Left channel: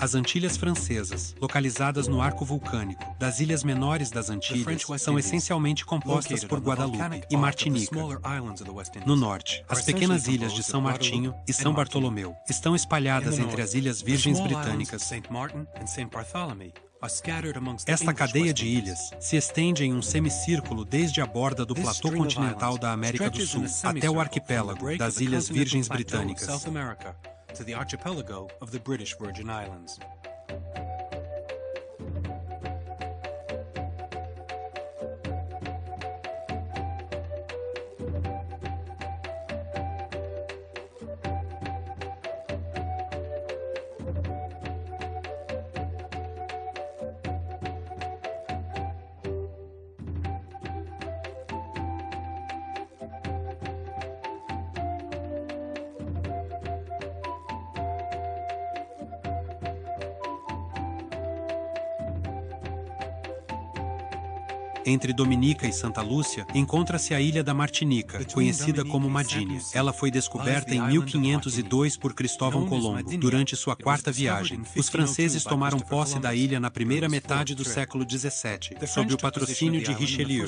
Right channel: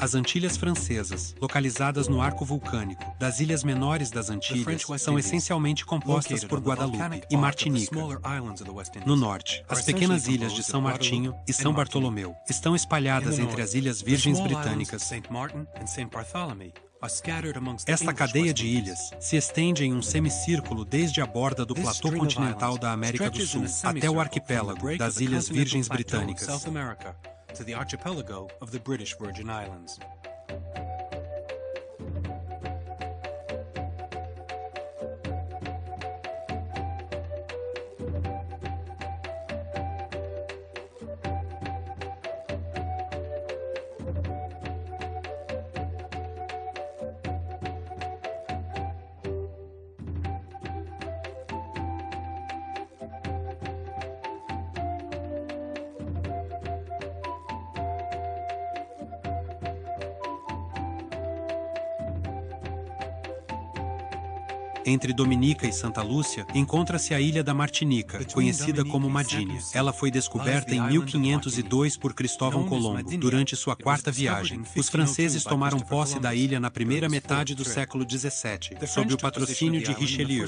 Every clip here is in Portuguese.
As Antilhas Francesas, localizadas no arco vulcânico das ilhas menores das Antilhas, são essencialmente compostas por Guadalupe e Martinica. No norte, as pequenas ilhas de São Martinho e São Bartolomeu estão espalhadas entre as Ilhas Virgens Britânicas. Esta cadeia de ilhas se estende em um semicírculo desde a borda do platô continental da América do Sul até o arquipélago das Ilhas Virgens Britânicas. To the archipelago of the British Virgin Islands. Entre Dominica e Santa Lúcia, encontra-se a ilha da Martinica, conhecida como Madinha. Ela foi descoberta em 1502 por Cristóvão Colombo, durante sua quarta viagem. Os franceses tomaram posse da ilha na primeira metade do século XVII, sob o patrocínio de Richelieu.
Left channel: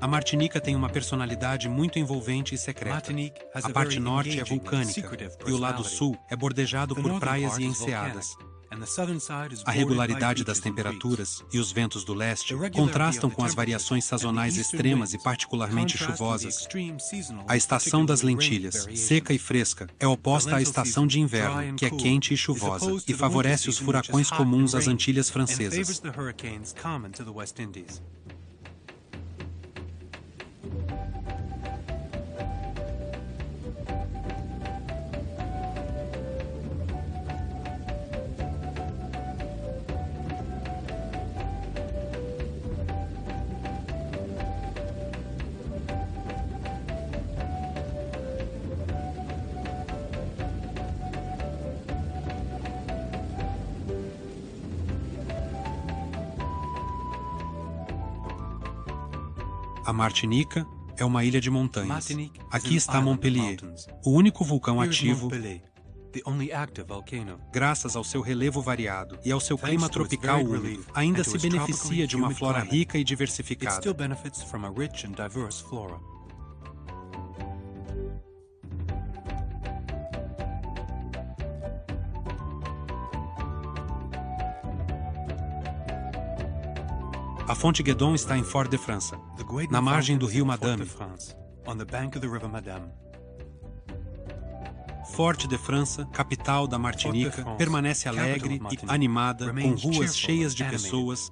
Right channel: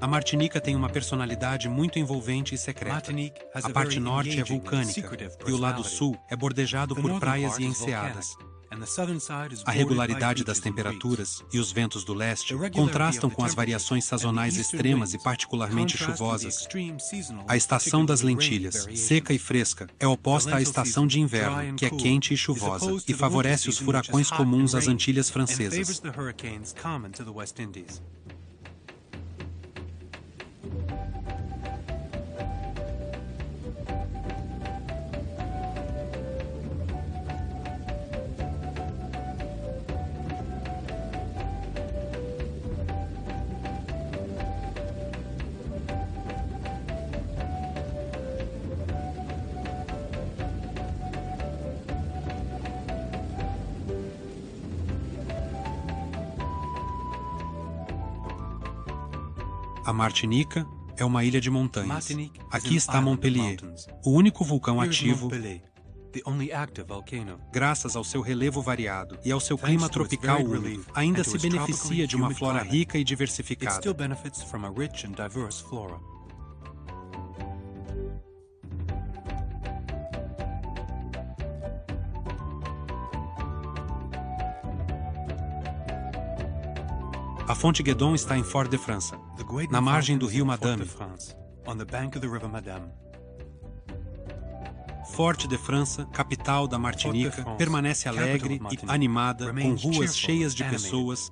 A Martinica tem uma personalidade muito envolvente e secreta. A parte norte é vulcânica e o lado sul é bordejado por praias e enseadas. A regularidade das temperaturas e os ventos do leste contrastam com as variações sazonais extremas e particularmente chuvosas. A estação das lentilhas, seca e fresca, é oposta à estação de inverno, que é quente e chuvosa, e favorece os furacões comuns às Antilhas Francesas. A Martinica é uma ilha de montanhas. Aqui está Montpellier, o único vulcão ativo, graças ao seu relevo variado e ao seu clima tropical úmido, ainda se beneficia de uma flora rica e diversificada. A Fonte Guédon está em Fort-de-France, na margem do rio Madame. Fort-de-France, capital da Martinica, permanece alegre e animada, com ruas cheias de pessoas.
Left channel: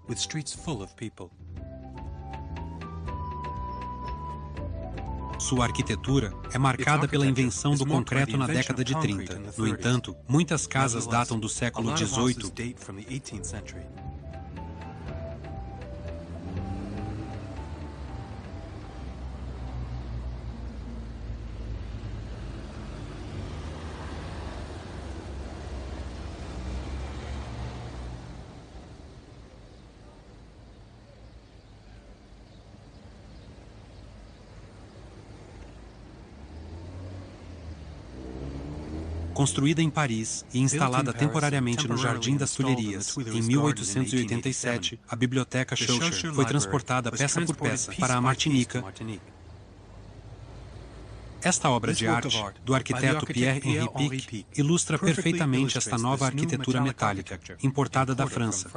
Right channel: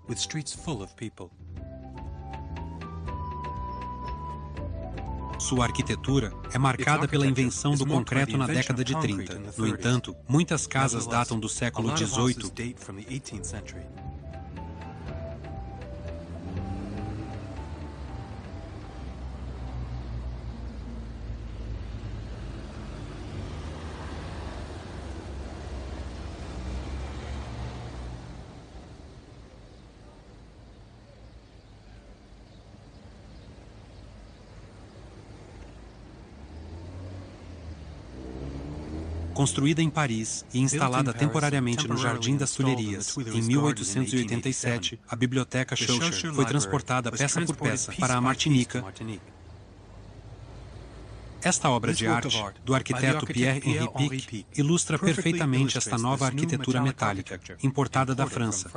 Sua arquitetura é marcada pela invenção do concreto na década de 30. No entanto, muitas casas datam do século XVIII. Construída em Paris e instalada temporariamente no Jardim das Tulherias, em 1887, a Biblioteca Schœlcher foi transportada peça por peça para a Martinica. Esta obra de arte, do arquiteto Pierre-Henri Picq, ilustra perfeitamente esta nova arquitetura metálica, importada da França.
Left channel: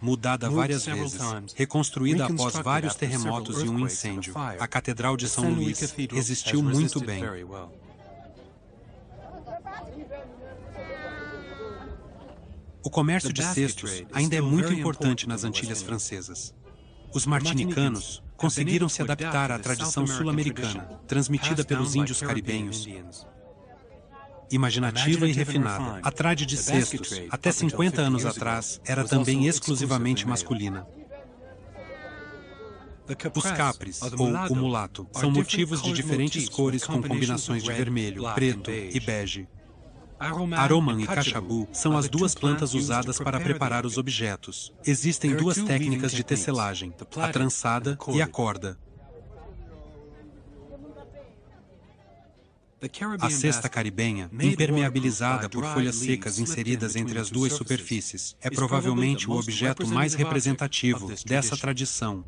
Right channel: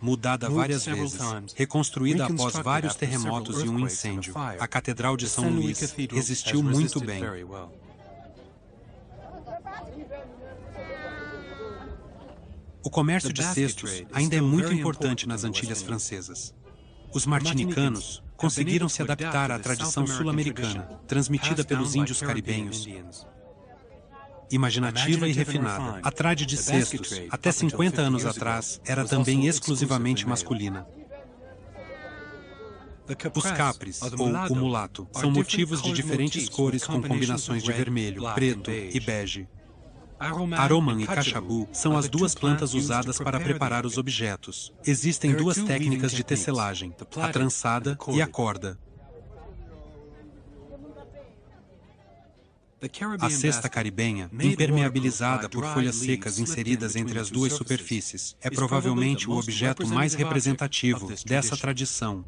Mudada várias vezes, reconstruída após vários terremotos e um incêndio, a Catedral de São Luís resistiu muito bem. O comércio de cestos ainda é muito importante nas Antilhas Francesas. Os martinicanos conseguiram se adaptar à tradição sul-americana, transmitida pelos índios caribenhos. Imaginativa e refinada, a trade de cestos, até 50 anos atrás, era também exclusivamente masculina. Os capres, ou o mulato, são motivos de diferentes cores com combinações de vermelho, preto e bege. Aroman e cachabu são as duas plantas usadas para preparar os objetos. Existem duas técnicas de tecelagem, a trançada e a corda. A cesta caribenha, impermeabilizada por folhas secas inseridas entre as duas superfícies, é provavelmente o objeto mais representativo dessa tradição.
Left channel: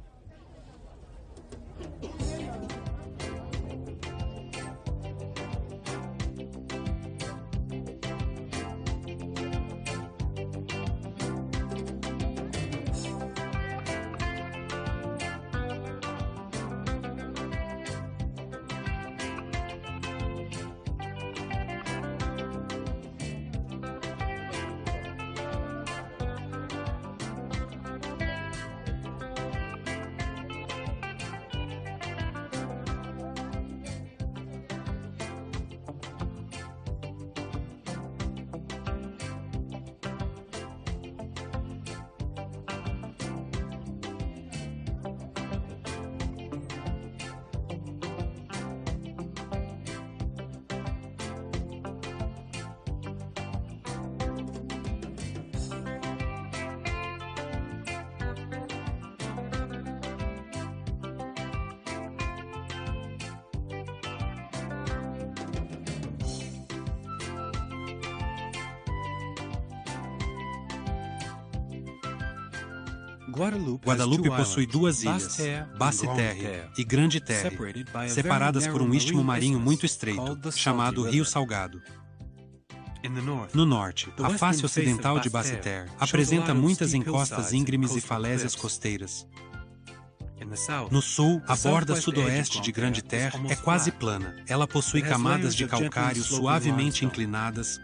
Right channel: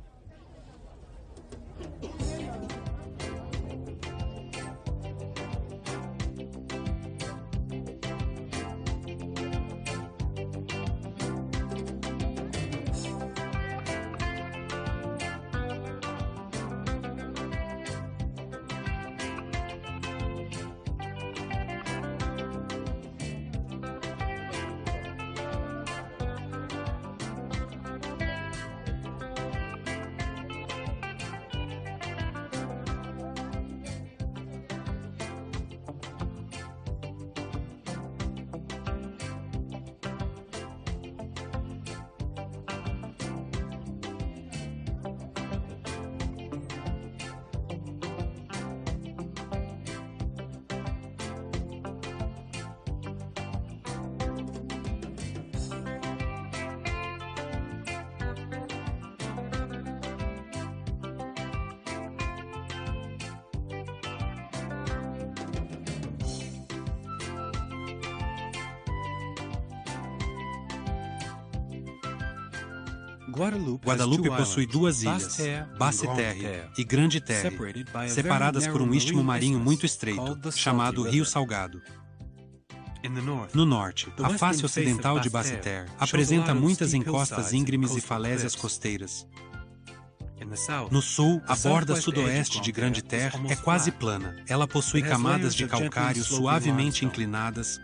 Guadalupe possui duas ilhas, Basse-Terre e Grande-Terre, separadas por um istmo marinho muito estreito, chamado Rio Salgado. No norte, a face ocidental de Basse-Terre apresenta muitas encostas íngremes e falésias costeiras. No sul, a borda sudoeste de Grande-Terre é quase plana. Ela possui camadas de calcário suavemente inclinadas.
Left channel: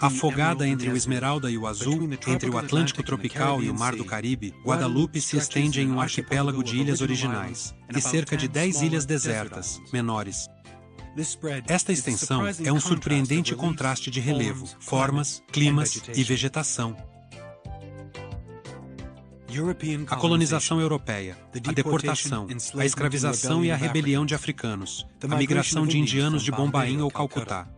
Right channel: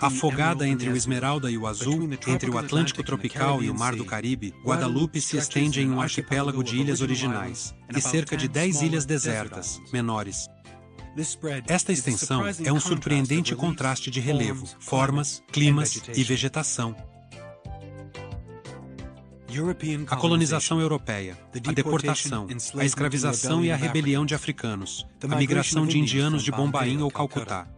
Afogada entre o Esmeralda e o Azul, entre o Atlântico tropical e o Mar do Caribe, Guadalupe se estende em um arquipélago de ilhas originais e cerca de 10 ilhas desertas, menores. Esta extensão é um surpreendente contraste de relevo, formas, climas e vegetação. A colonização europeia, a deportação, a escravização e a rebelião de africanos, a migração de indianos de Bombaim ou Calcutá.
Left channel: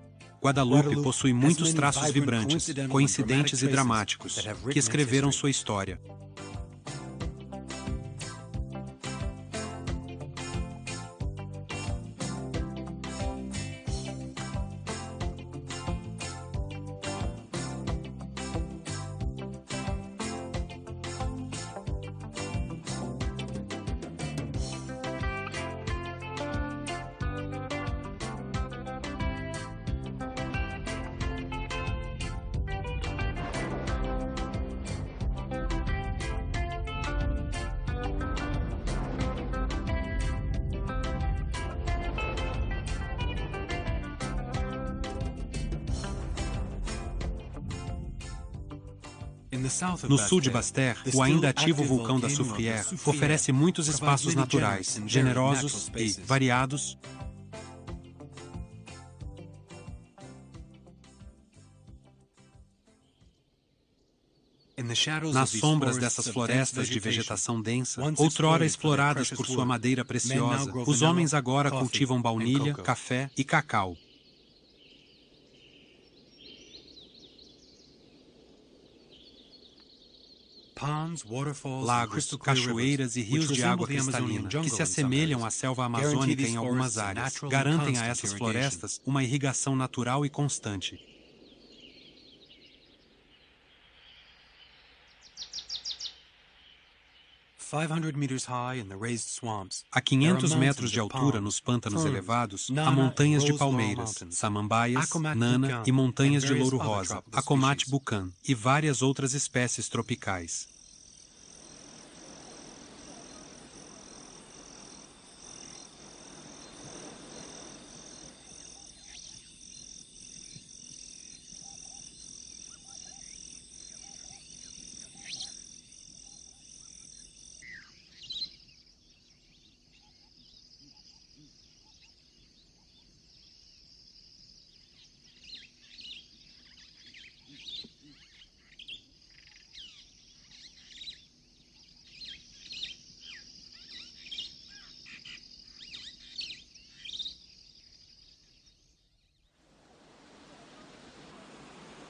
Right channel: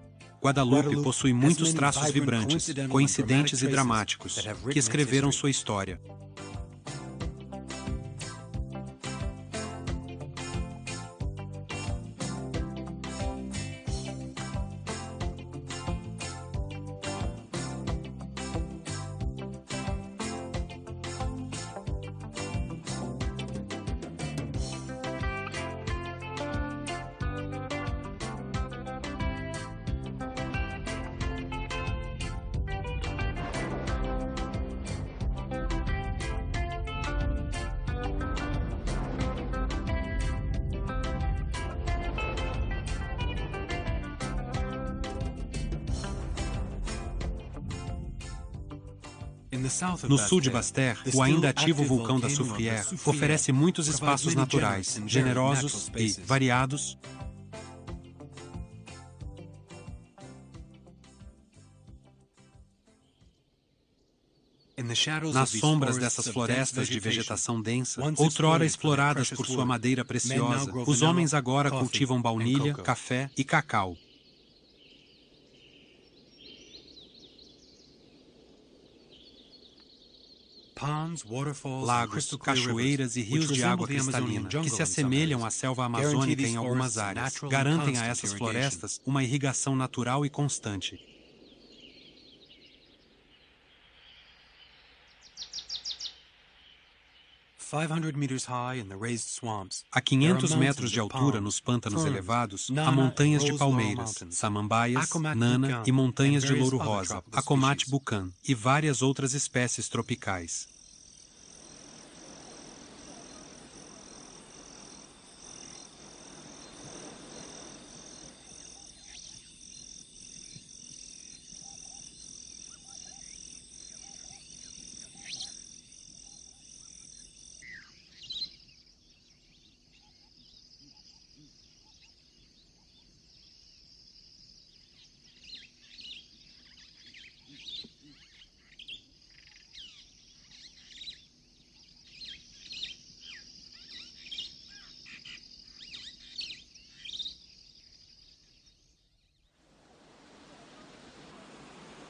Guadalupe possui muitos traços vibrantes, coincidentes e dramáticos, que escreveram sua história. No sul de Basse-Terre, o ainda ativo vulcão da Soufrière oferece muitos espaços naturais, generosos e variados. Nas sombras dessas florestas de vegetação densa, outrora exploradas por sua madeira preciosa, os homens agora cultivam baunilha, café e cacau. Lagos, cachoeiras e rios de água cristalina, que se assemelham à selva amazônica em algumas áreas, garantem a essas florestas uma irrigação natural e constante. A 500 metros de altura nos pântanos elevados, há montanhas de palmeiras, samambaias, nana e montanhas de louro-rosa, Acomate bucan e várias outras espécies tropicais.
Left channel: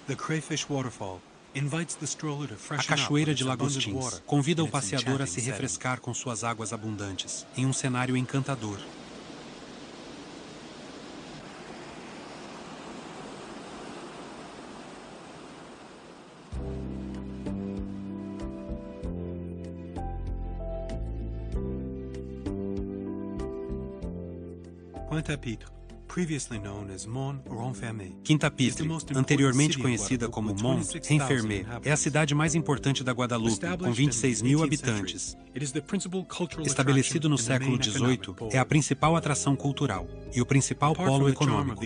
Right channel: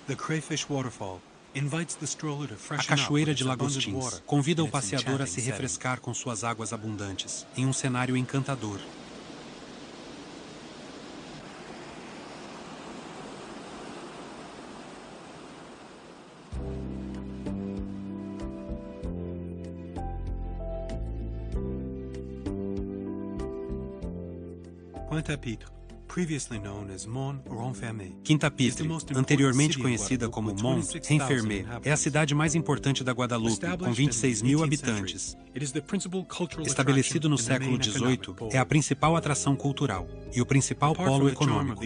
The Crayfish Waterfall invites the stroller to A freshen up Cachoeira with de its abundant Lagostins water convida o in its passeador a se enchanting refrescar com suas águas abundantes, em um cenário encantador. Pointe-à-Pitre, previously known as Mont-Renfermé. Quinta-Pitre, anteriormente conhecida como Mont-Renfermé, é a cidade mais importante da Guadalupe, com 26 mil habitantes. Estabelecido no século XVIII, é a principal atração cultural e o principal polo econômico.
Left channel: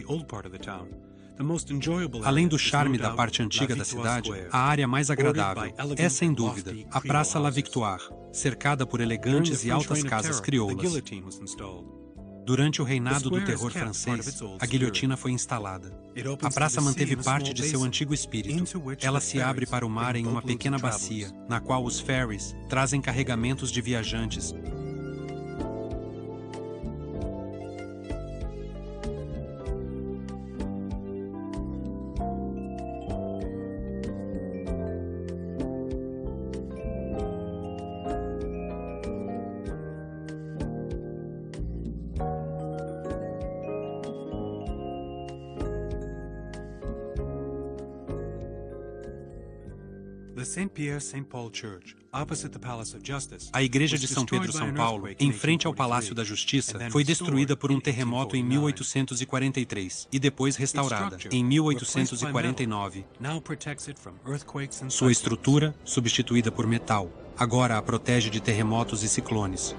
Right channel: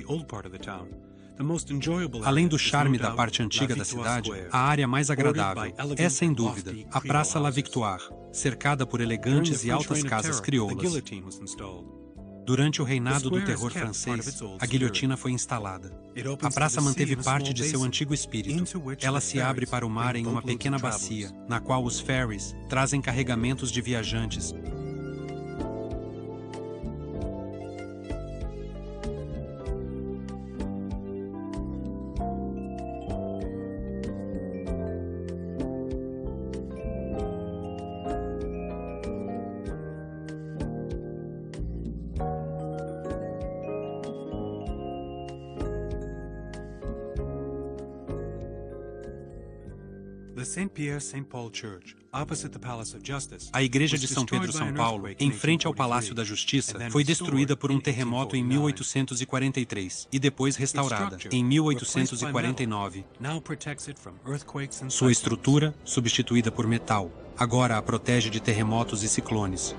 Além do charme da parte antiga da cidade, a área mais agradável é, sem dúvida, a Praça La Victoire, cercada por elegantes e altas casas crioulas. Durante o reinado do terror francês, a guilhotina foi instalada. A praça manteve parte de seu antigo espírito. Ela se abre para o mar em uma pequena bacia, na qual os ferries trazem carregamentos de viajantes. A Igreja de São Pedro São Paulo, em frente ao Palácio da Justiça, foi destruída por um terremoto em 1843 e depois restaurada em 1849. Sua estrutura, substituída por metal, agora a protege de terremotos e ciclones.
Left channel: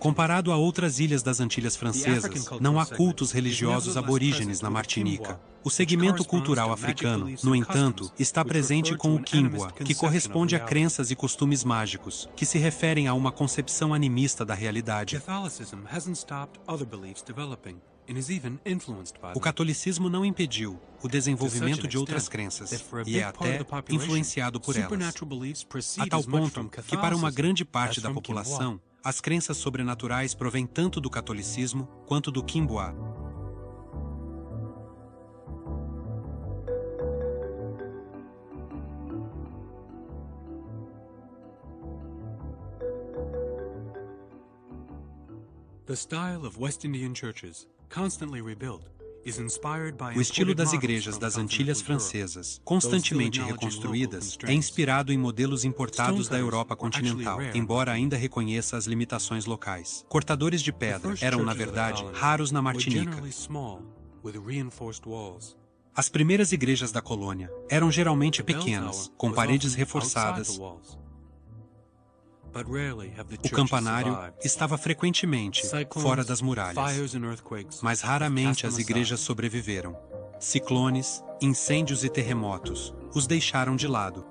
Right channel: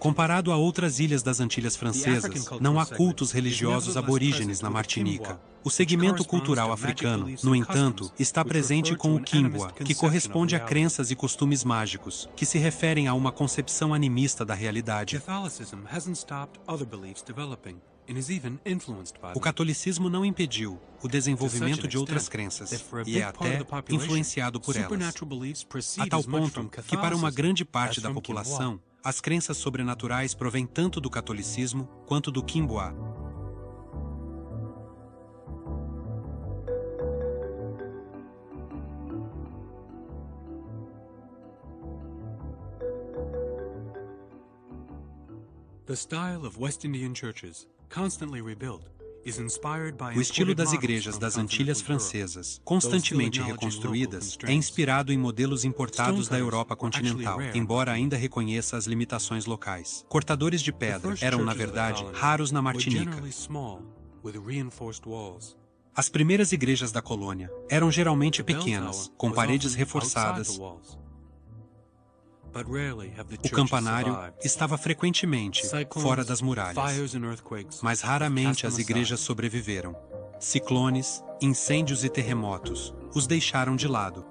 Comparado a outras ilhas das Antilhas Francesas, não há cultos religiosos aborígenes na Martinica. O segmento cultural africano, no entanto, está presente com o Quimboa, que corresponde a crenças e costumes mágicos, que se referem a uma concepção animista da realidade. O catolicismo não impediu o desenvolvimento de outras crenças e é até influenciado por elas, a tal ponto que para uma grande parte da população, as crenças sobrenaturais provêm tanto do catolicismo quanto do Quimboa. O estilo das igrejas das Antilhas Francesas, constantemente reconstruídas, é inspirado em modelos importados da Europa continental, embora ainda reconheça as limitações locais. Cortadores de pedra eram, na verdade, raros na Martinica. As primeiras igrejas da colônia eram geralmente pequenas, com paredes reforçadas. O campanário estava frequentemente fora das muralhas, mas raramente as igrejas sobreviveram. Ciclones, incêndios e terremotos os deixaram de lado.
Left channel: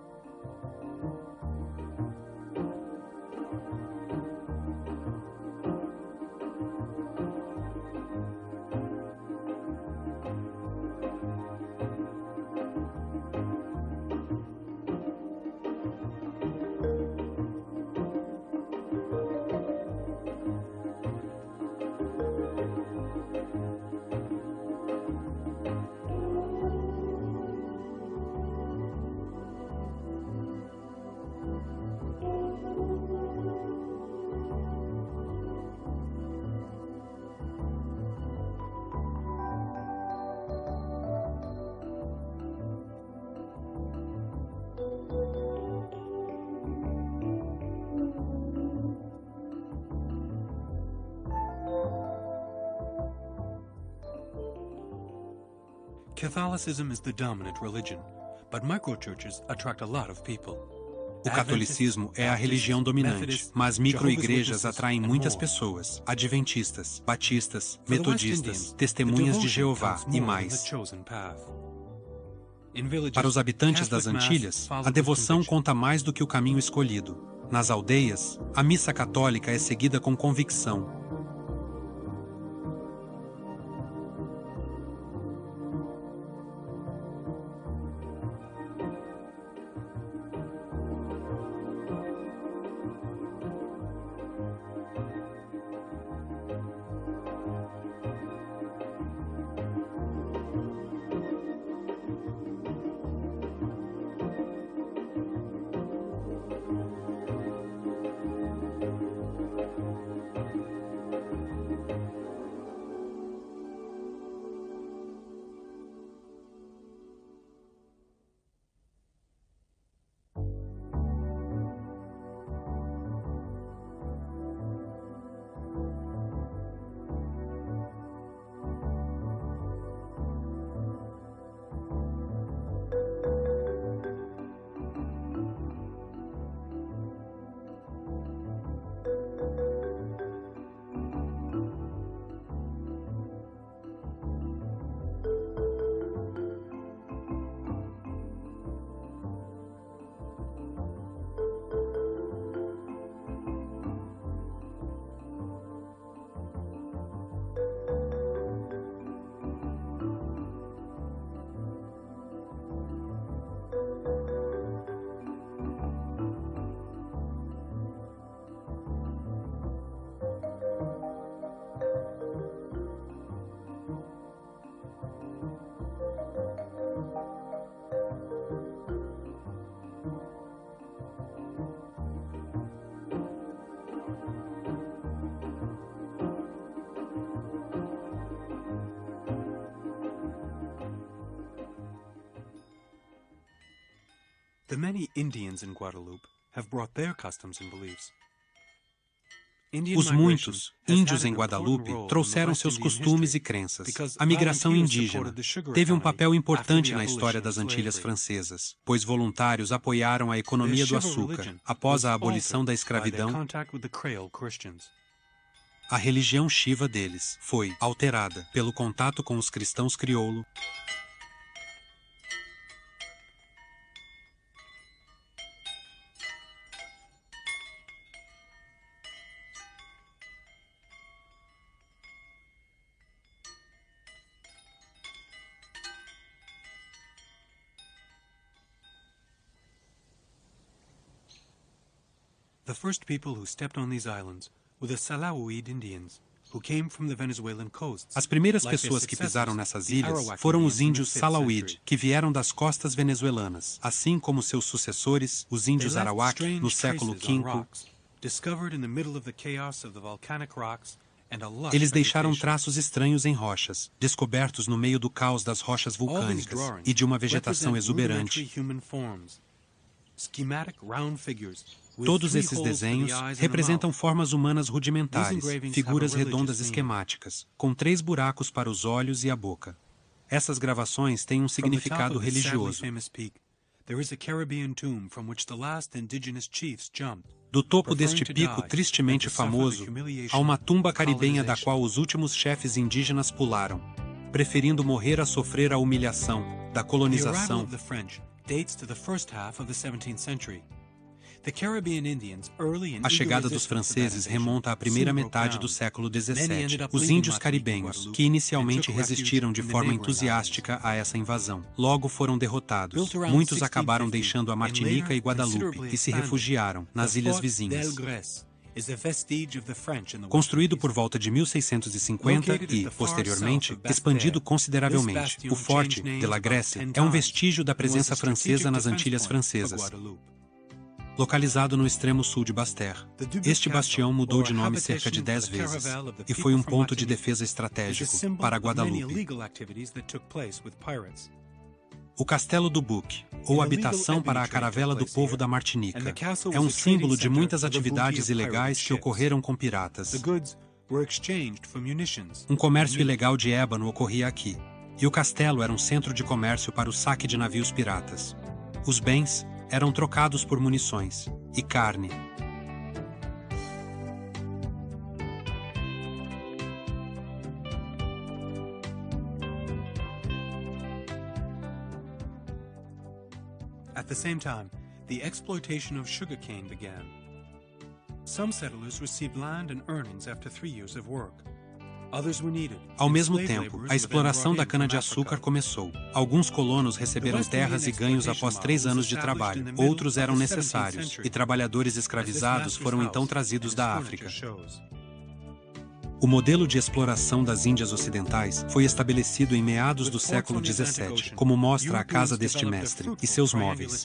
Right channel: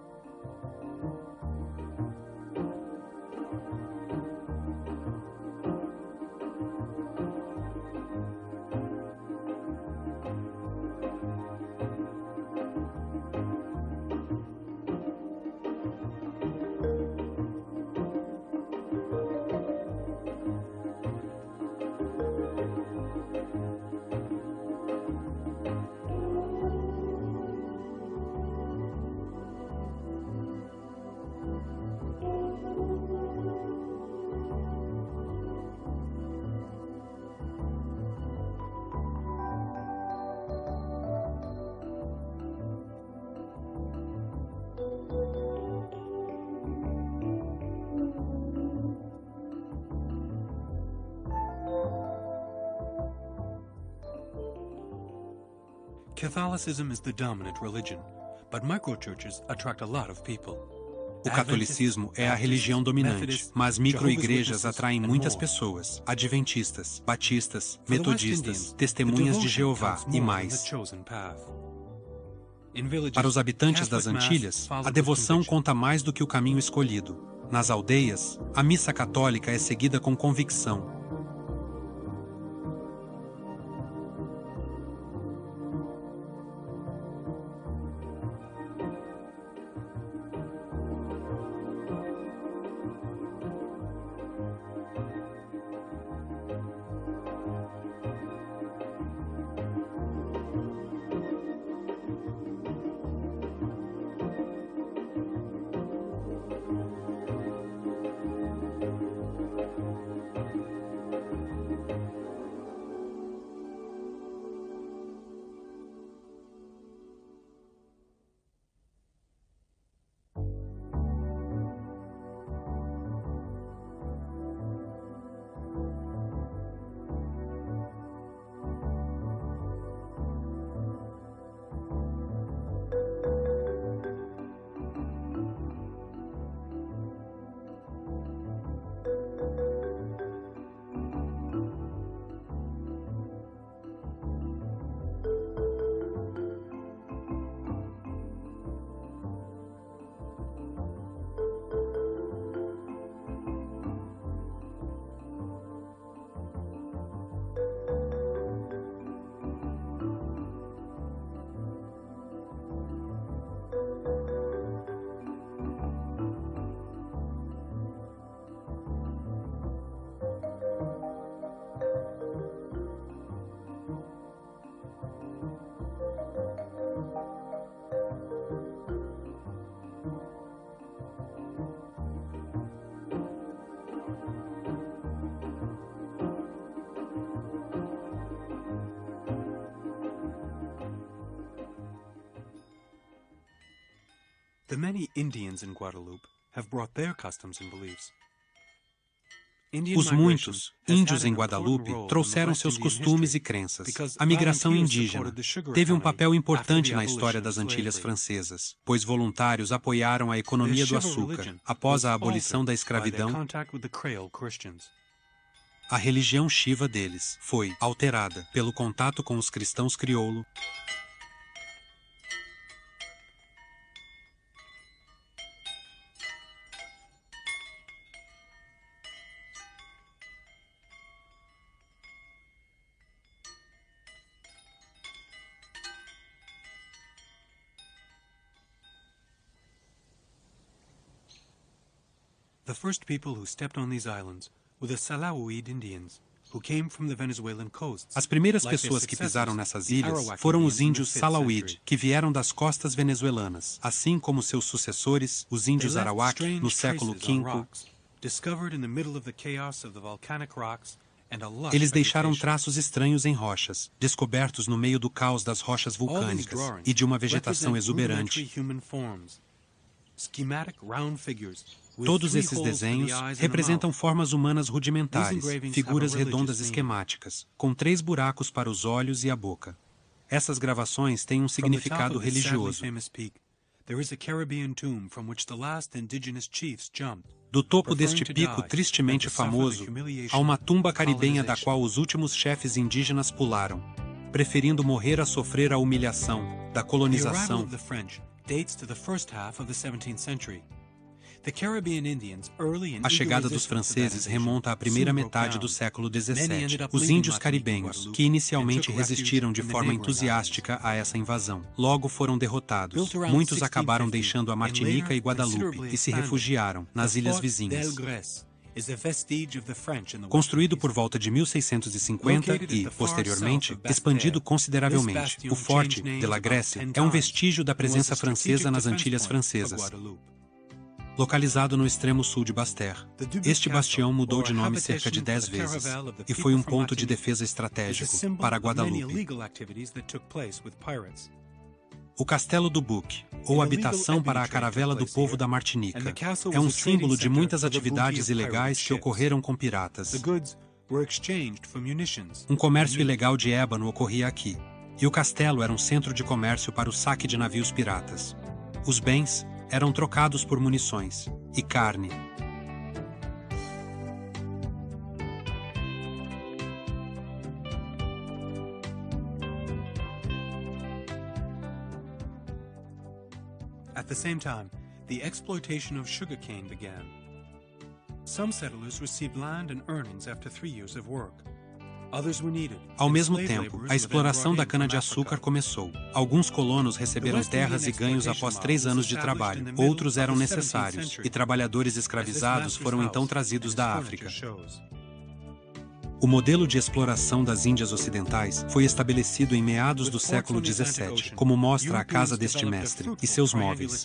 Catholicism is the dominant religion, but microchurches attract a lot of people. O catolicismo é a religião dominante, mas microigrejas atraem muitas pessoas, adventistas, batistas, metodistas, testemunhas de Jeová e mais. Para os habitantes das Antilhas, a devoção conta mais do que o caminho escolhido. Nas aldeias, a missa católica é seguida com convicção. The many Indians in Guadeloupe have brought their customs and beliefs. Os muitos índios em Guadalupe trouxeram seus costumes e crenças. A migração indígena teve um papel importante na história das Antilhas Francesas, pois voluntários apoiaram a economia do açúcar após a abolição da escravidão. A religião Shiva deles foi alterada pelo contato com os cristãos crioulo. The first people who stepped on these islands were the Salawide Indians, who came from the Venezuelan coasts. As primeiras pessoas que pisaram nessas ilhas foram os índios Salawide, que vieram das costas venezuelanas, assim como seus sucessores, os índios Arawak, no século V. Eles deixaram traços estranhos em rochas, descobertos no meio do caos das rochas vulcânicas e de uma vegetação exuberante. Todos esses desenhos representam formas humanas rudimentares, figuras redondas esquemáticas, com 3 buracos para os olhos e a boca. Essas gravações têm um significado religioso. Do topo deste pico tristemente famoso, há uma tumba caribenha da qual os últimos chefes indígenas pularam, preferindo morrer a sofrer a humilhação da colonização. A chegada dos franceses remonta à primeira metade do século XVII. Os índios caribenhos, que inicialmente resistiram de forma entusiástica a essa invasão, logo foram derrotados. Muitos acabaram deixando a Martinica e Guadalupe e se refugiaram nas ilhas vizinhas. Construído por volta de 1650 e, posteriormente, expandido consideravelmente, o Forte de la Grèce é um vestígio da presença francesa nas Antilhas Francesas. Localizado no extremo sul de Basse-Terre, este bastião mudou de nome cerca de 10 vezes e foi um ponto de defesa estratégico para Guadalupe. O Castelo do Buque, ou habitação para a caravela do povo da Martinica, é um símbolo de muitas atividades ilegais que ocorreram com piratas. Um comércio ilegal de ébano ocorria aqui, e o castelo era um centro de comércio para o saque de navios piratas. Os bens eram trocados por munições e carne. At the same time, the exploitation of sugarcane began. Some settlers received land and earnings after 3 years of work. Ao mesmo tempo, a exploração da cana-de-açúcar começou. Alguns colonos receberam terras e ganhos após 3 anos de trabalho. Outros eram necessários, e trabalhadores escravizados foram então trazidos da África. O modelo de exploração das Índias Ocidentais foi estabelecido em meados do século XVII, como mostra a casa deste mestre e seus móveis.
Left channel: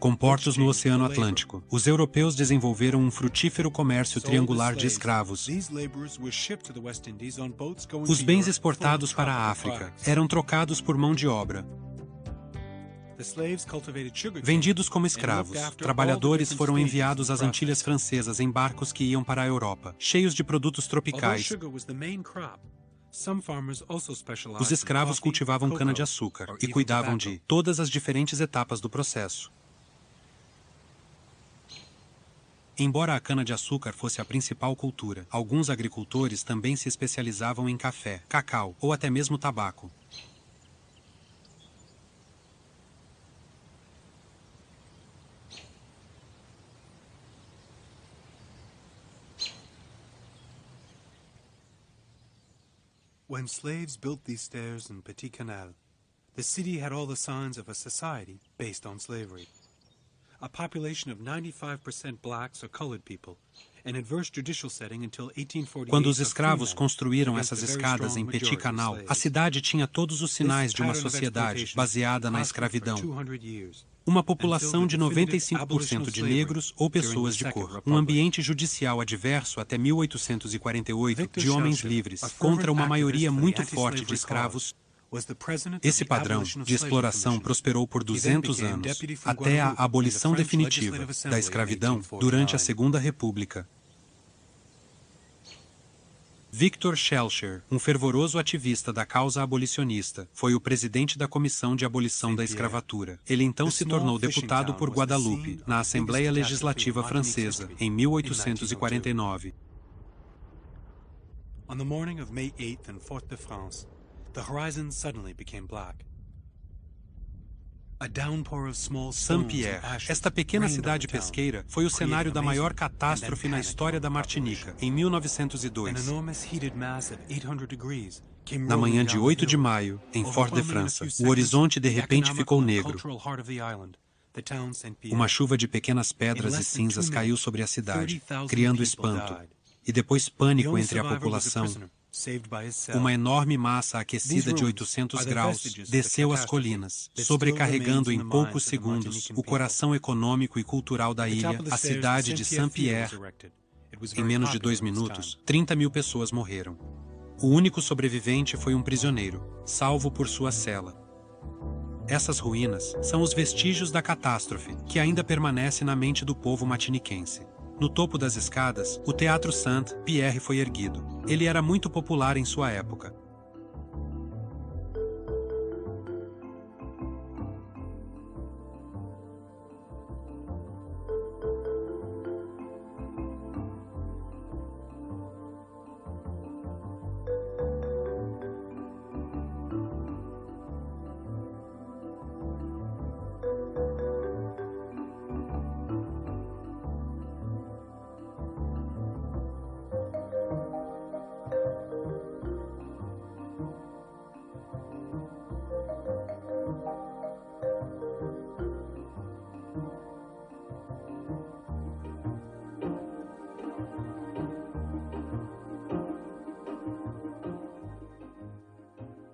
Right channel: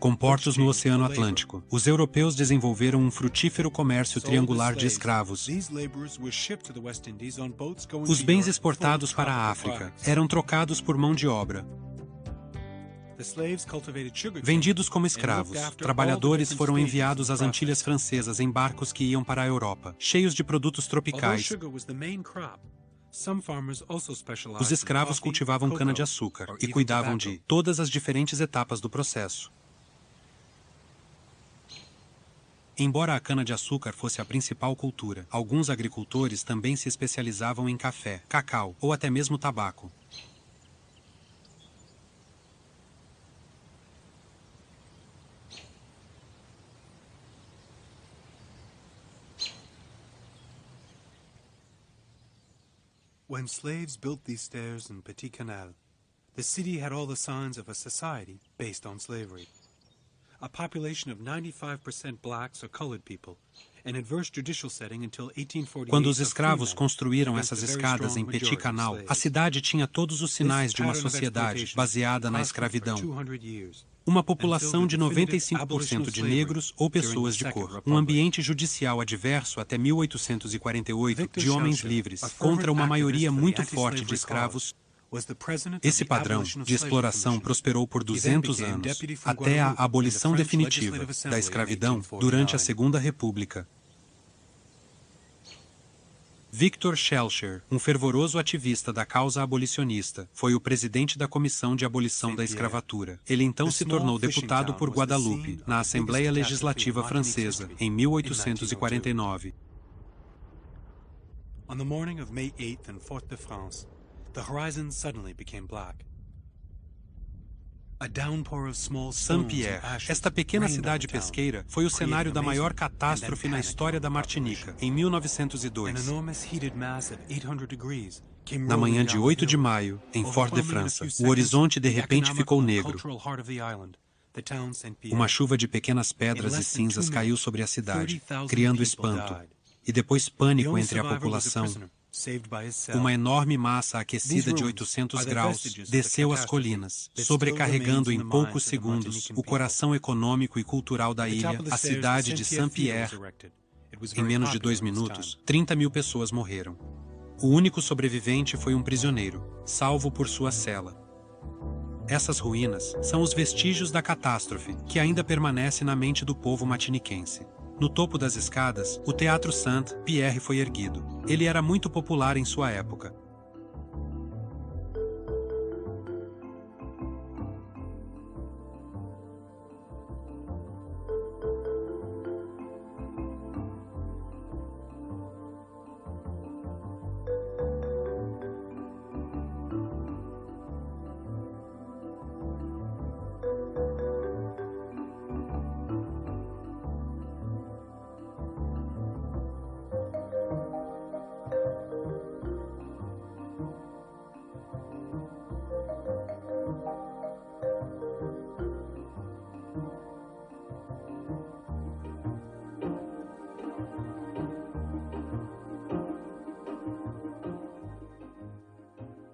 Com portos no Oceano Atlântico, os europeus desenvolveram um frutífero comércio triangular de escravos. Os bens exportados para a África eram trocados por mão de obra. Vendidos como escravos, trabalhadores foram enviados às Antilhas Francesas em barcos que iam para a Europa, cheios de produtos tropicais. Os escravos cultivavam cana-de-açúcar e cuidavam de todas as diferentes etapas do processo. Embora a cana-de-açúcar fosse a principal cultura, alguns agricultores também se especializavam em café, cacau ou até mesmo tabaco. When slaves built these stairs in Petit Canal, the city had all the signs of a society based on slavery. A population of 95% blacks or colored people, an adverse judicial setting until 1848. Quando os escravos construíram essas escadas em Petit Canal, a cidade tinha todos os sinais de uma sociedade baseada na escravidão. Uma população de 95% de negros ou pessoas de cor. Um ambiente judicial adverso até 1848 de homens livres contra uma maioria muito forte de escravos. Esse padrão de exploração prosperou por 200 anos, até a abolição definitiva da escravidão durante a Segunda República. Victor Schellcher, um fervoroso ativista da causa abolicionista, foi o presidente da Comissão de Abolição da Escravatura. Ele então se tornou deputado por Guadalupe, na Assembleia Legislativa Francesa, em 1849. On the morning of May 8th in Fort-de-France, the horizon suddenly became black. Saint-Pierre, esta pequena cidade pesqueira, foi o cenário da maior catástrofe na história da Martinica, em 1902. Na manhã de 8 de maio, em Fort-de-France, o horizonte de repente ficou negro. Uma chuva de pequenas pedras e cinzas caiu sobre a cidade, criando espanto, e depois pânico entre a população. Uma enorme massa aquecida de 800 graus desceu as colinas, sobrecarregando em poucos segundos o coração econômico e cultural da ilha, a cidade de Saint-Pierre. Em menos de 2 minutos, 30 mil pessoas morreram. O único sobrevivente foi um prisioneiro, salvo por sua cela. Essas ruínas são os vestígios da catástrofe, que ainda permanece na mente do povo martiniquense. No topo das escadas, o Teatro Saint-Pierre foi erguido. Ele era muito popular em sua época.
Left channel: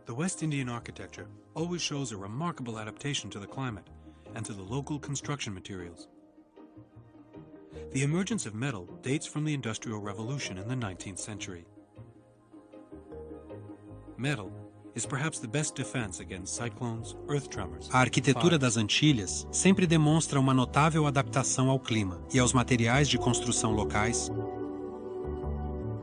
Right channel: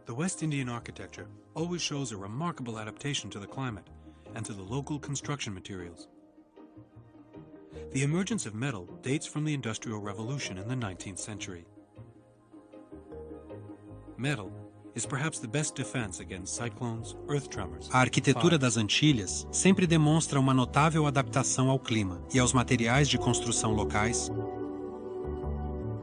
The West Indian architecture always shows a remarkable adaptation to the climate and to the local construction materials. The emergence of metal dates from the Industrial Revolution in the 19th century. Metal is perhaps the best defense against cyclones, earth tremors. A arquitetura das Antilhas sempre demonstra uma notável adaptação ao clima e aos materiais de construção locais.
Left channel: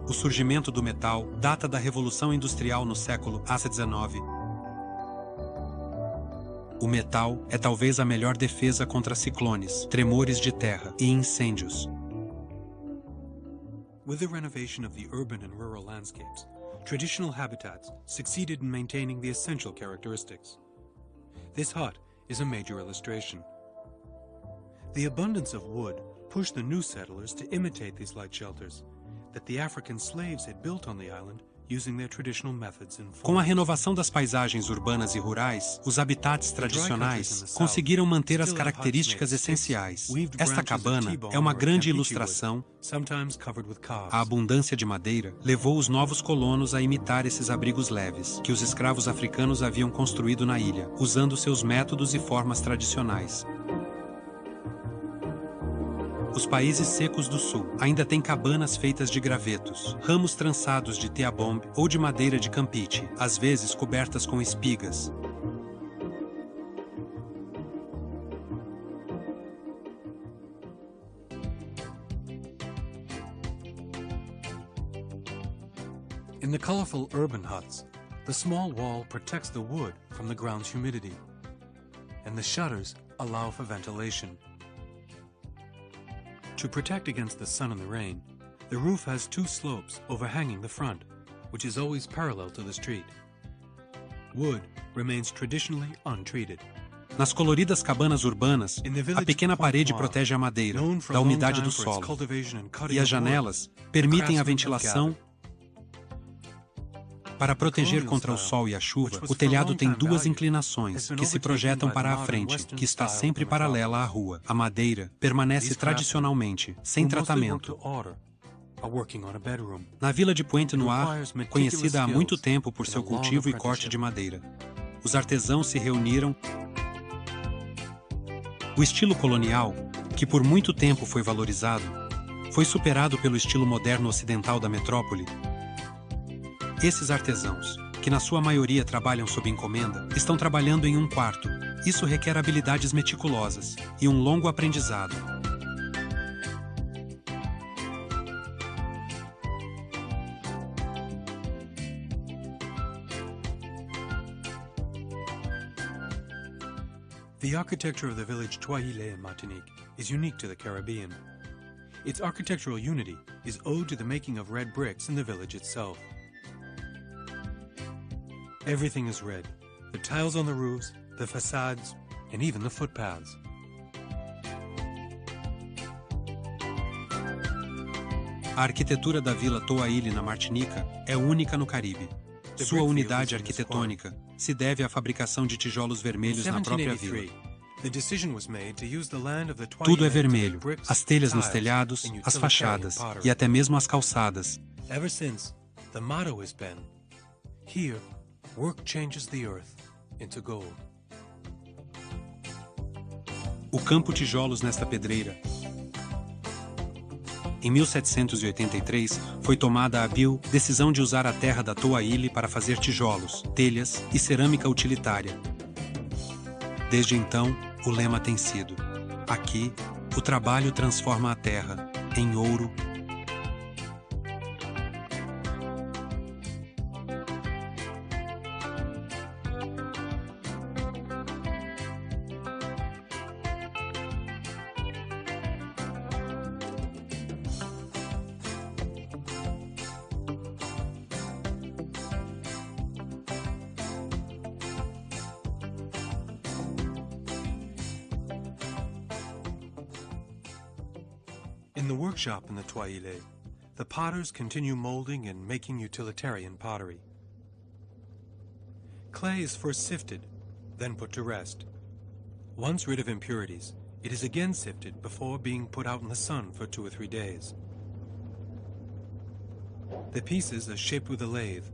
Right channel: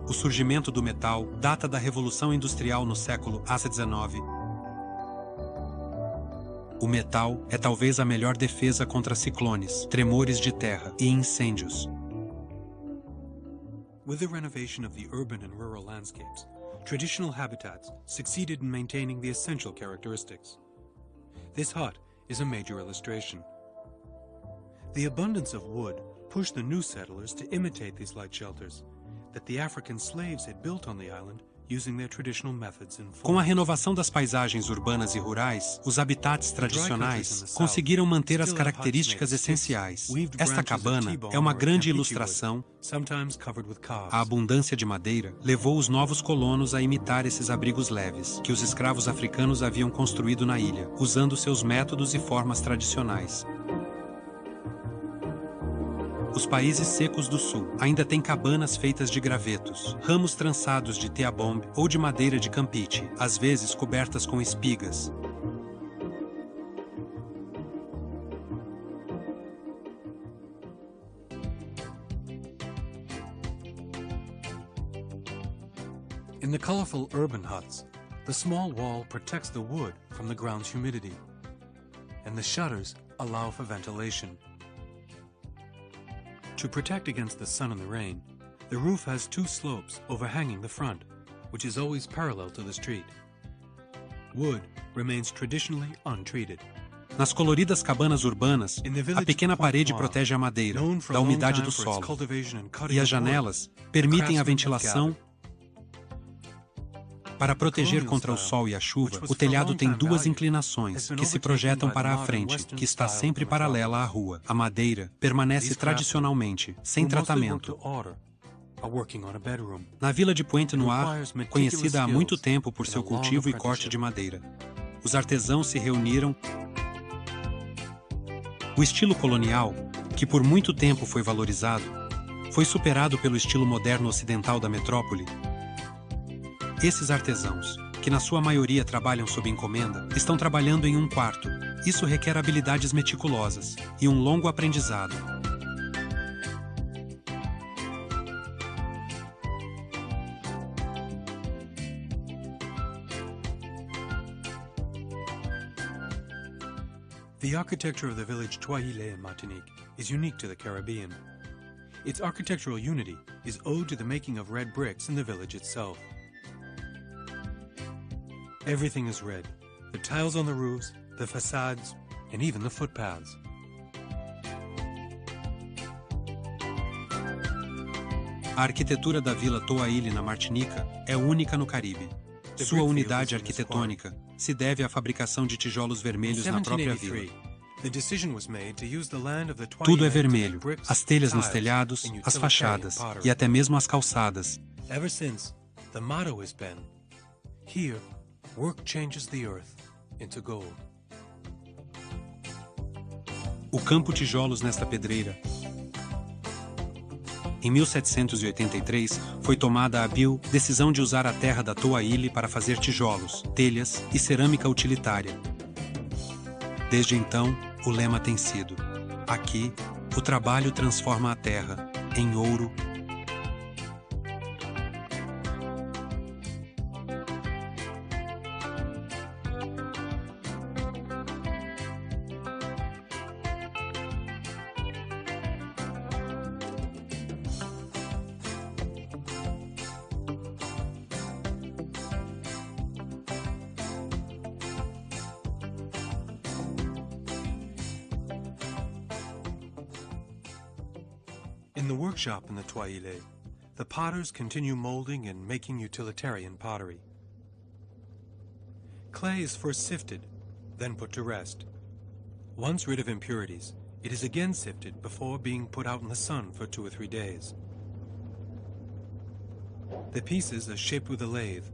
O surgimento do metal data da Revolução Industrial no século XIX. O metal é talvez a melhor defesa contra ciclones, tremores de terra e incêndios. With the renovation of the urban and rural landscapes, traditional habitats succeeded in maintaining the essential characteristics. This hut is a major illustration. The abundance of wood pushed the new settlers to imitate these light shelters that the African slaves had built on the island using their traditional methods and forms. Com a renovação das paisagens urbanas e rurais, os habitats tradicionais conseguiram manter as características essenciais. Esta cabana é uma grande ilustração. A abundância de madeira levou os novos colonos a imitar esses abrigos leves, que os escravos africanos haviam construído na ilha, usando seus métodos e formas tradicionais. Os países secos do sul ainda têm cabanas feitas de gravetos, ramos trançados de teabombe ou de madeira de campeche, às vezes cobertas com espigas. In the colorful urban huts, the small wall protects the wood from the ground's humidity, and the shutters allow for ventilation. To protect against the sun and the rain, the roof has two slopes overhanging the front, which is always parallel to the street. Wood remains traditionally untreated. Nas coloridas cabanas urbanas, a pequena parede protege a madeira da umidade do solo, e as janelas permitem a ventilação. Para proteger contra o sol e a chuva, o telhado tem duas inclinações, que se projetam para a frente, que está sempre paralela à rua. A madeira permanece tradicionalmente, sem tratamento. Na vila de Pointe-Noire, conhecida há muito tempo por seu cultivo e corte de madeira, os artesãos se reuniram. O estilo colonial, que por muito tempo foi valorizado, foi superado pelo estilo moderno ocidental da metrópole. Esses artesãos, que na sua maioria trabalham sob encomenda, estão trabalhando em um quarto. Isso requer habilidades meticulosas e um longo aprendizado. The architecture of the village Toile in Martinique is unique to the Caribbean. Its architectural unity is owed to the making of red bricks in the village itself. Everything is red. The tiles on the roofs, the facades, and even the footpaths. A arquitetura da Vila Toaile na Martinica é única no Caribe. Sua unidade arquitetônica se deve à fabricação de tijolos vermelhos na própria vila. Tudo é vermelho, as telhas nos telhados, as fachadas e até mesmo as calçadas. Ever since, the motto has been, "Here, work changes the earth into gold." O campo tijolos nesta pedreira. Em 1783, foi tomada a hábil decisão de usar a terra da Toaile para fazer tijolos, telhas e cerâmica utilitária. Desde então, o lema tem sido: aqui, o trabalho transforma a terra em ouro. In the workshop in the Toile, the potters continue molding and making utilitarian pottery. Clay is first sifted, then put to rest. Once rid of impurities, it is again sifted before being put out in the sun for 2 or 3 days. The pieces are shaped with a lathe.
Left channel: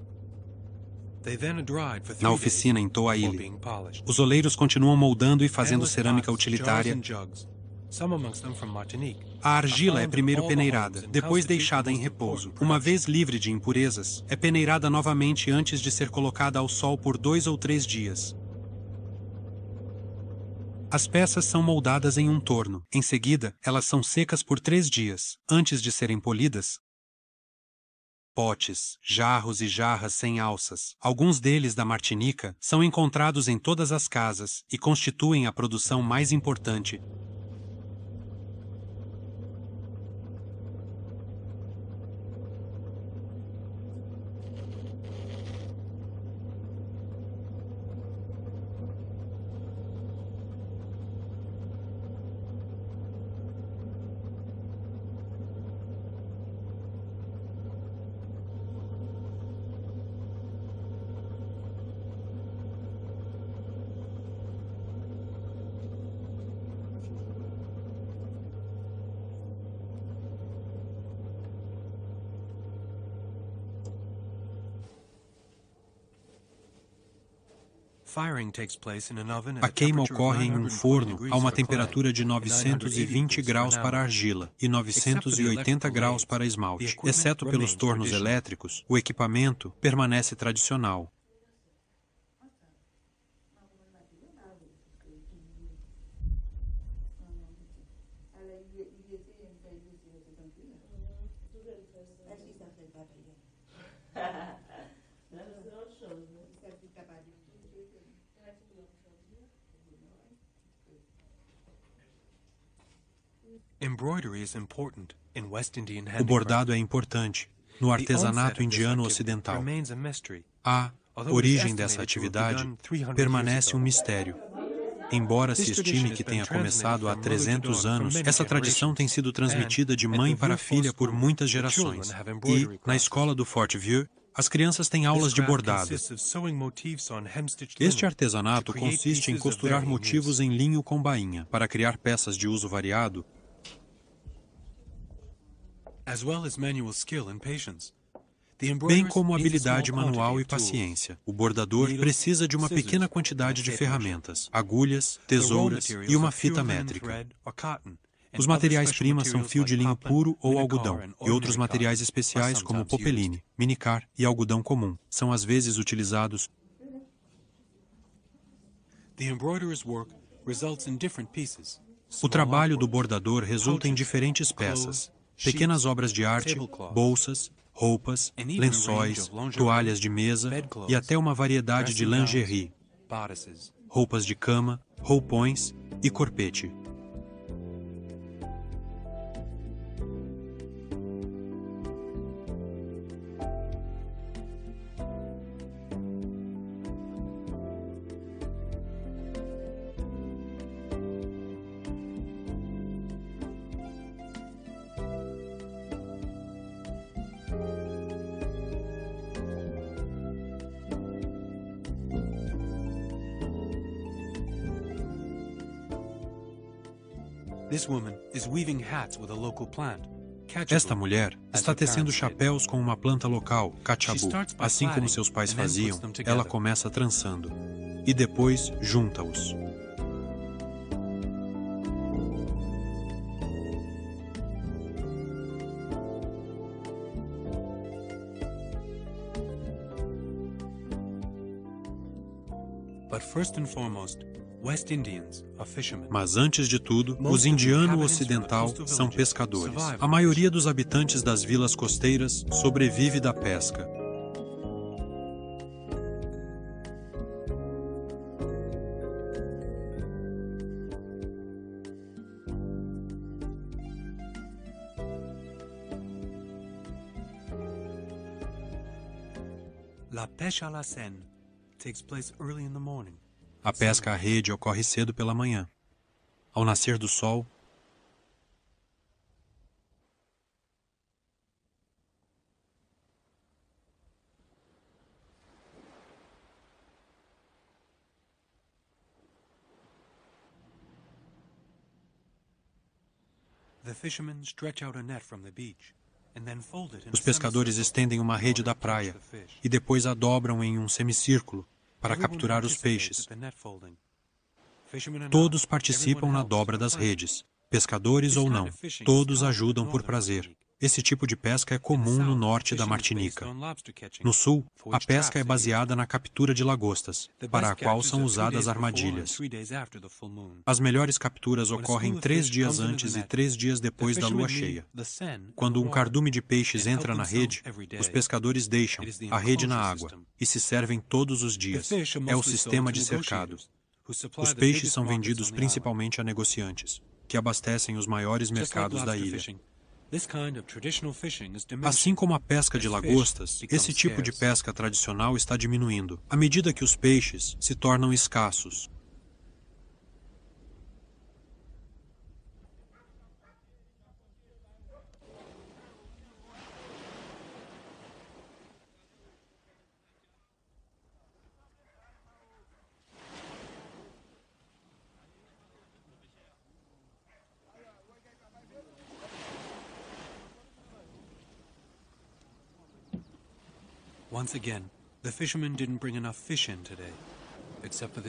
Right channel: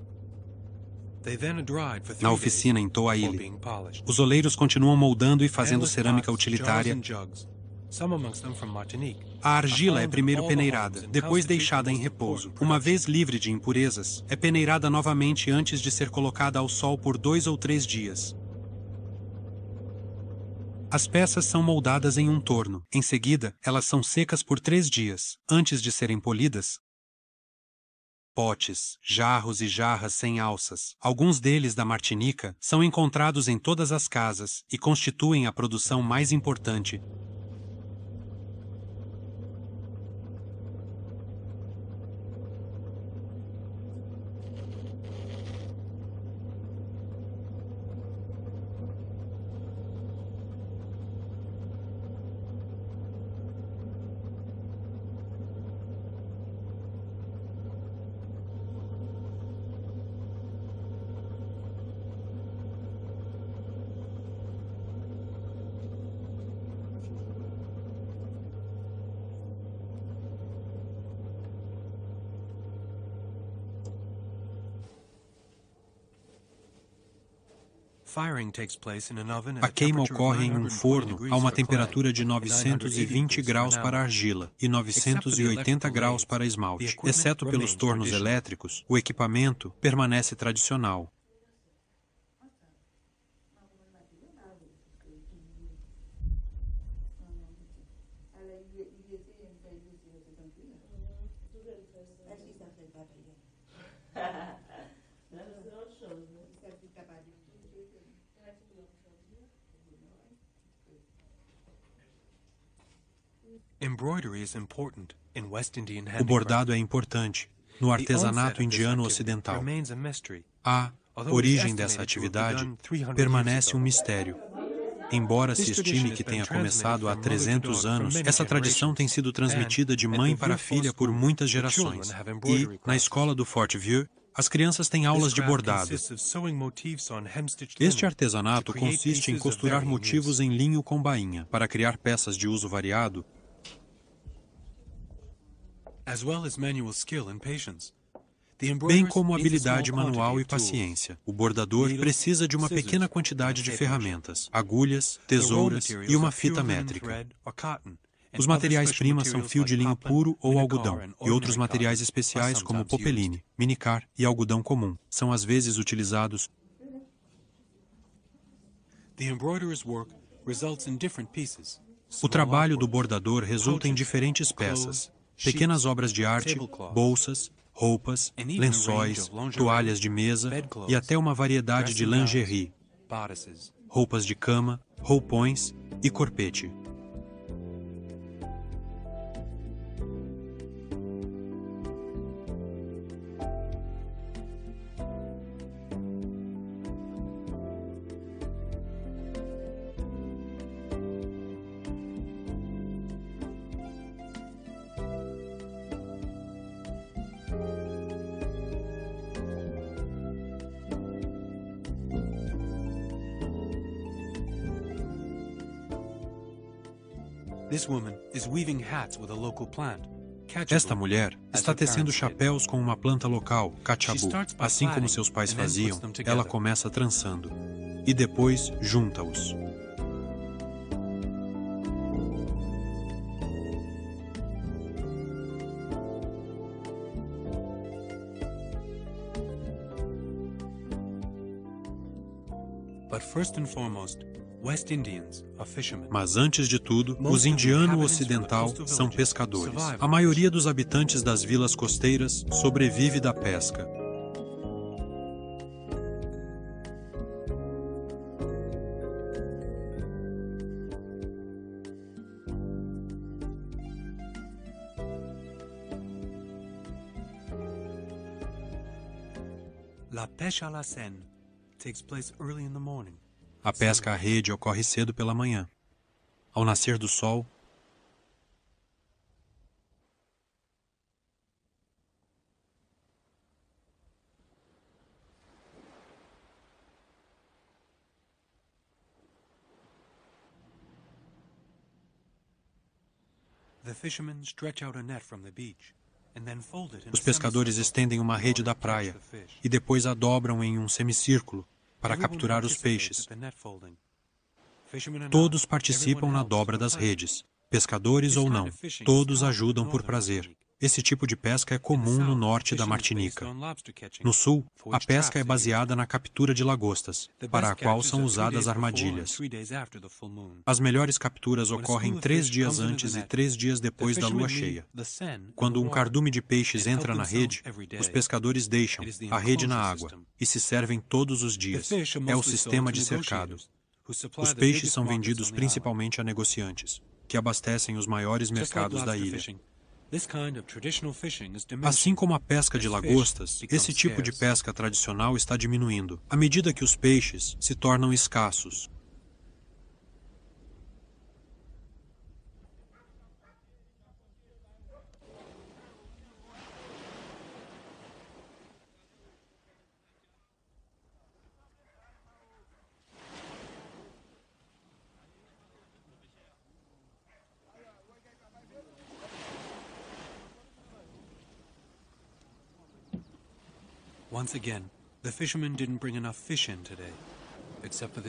They then are dried for 3 Na days oficina em before Toaile, being polished. os oleiros continuam moldando e fazendo cerâmica Pots, jars utilitária. and jugs, some amongst them from Martinique, A argila é primeiro peneirada, depois deixada em repouso. Uma vez livre de impurezas, é peneirada novamente antes de ser colocada ao sol por 2 ou 3 dias. As peças são moldadas em um torno. Em seguida, elas são secas por 3 dias, antes de serem polidas. Potes, jarros e jarras sem alças, alguns deles da Martinica, são encontrados em todas as casas e constituem a produção mais importante. A queima ocorre em um forno a uma temperatura de 920 graus para argila e 980 graus para esmalte. Exceto pelos tornos elétricos, o equipamento permanece tradicional. O bordado é importante no artesanato indiano ocidental. A origem dessa atividade permanece um mistério. Embora se estime que tenha começado há 300 anos, essa tradição tem sido transmitida de mãe para filha por muitas gerações. E, na escola do Fort Vieux, as crianças têm aulas de bordado. Este artesanato consiste em costurar motivos em linho com bainha para criar peças de uso variado, bem como habilidade manual e paciência. O bordador precisa de uma pequena quantidade de ferramentas, agulhas, tesouras e uma fita métrica. Os materiais-primas são fio de linho puro ou algodão, e outros materiais especiais como popeline, minicar e algodão comum são às vezes utilizados. O trabalho do bordador resulta em diferentes peças, pequenas obras de arte, bolsas, roupas, lençóis, toalhas de mesa e até uma variedade de lingerie, roupas de cama, roupões e corpete. Esta mulher está tecendo chapéus com uma planta local, cachabu. Assim como seus pais faziam, ela começa trançando e depois junta-os. Mas antes de tudo, os indianos ocidental são pescadores. A maioria dos habitantes das vilas costeiras sobrevive da pesca. A pesca à rede ocorre cedo pela manhã. Ao nascer do sol, os pescadores estendem uma rede da praia e depois a dobram em um semicírculo para capturar os peixes. Todos participam na dobra das redes, pescadores ou não, todos ajudam por prazer. Esse tipo de pesca é comum no norte da Martinica. No sul, a pesca é baseada na captura de lagostas, para a qual são usadas armadilhas. As melhores capturas ocorrem 3 dias antes e 3 dias depois da lua cheia. Quando um cardume de peixes entra na rede, os pescadores deixam a rede na água e se servem todos os dias. É o sistema de cercado. Os peixes são vendidos principalmente a negociantes, que abastecem os maiores mercados da ilha. Assim como a pesca de lagostas, esse tipo de pesca tradicional está diminuindo, à medida que os peixes se tornam escassos.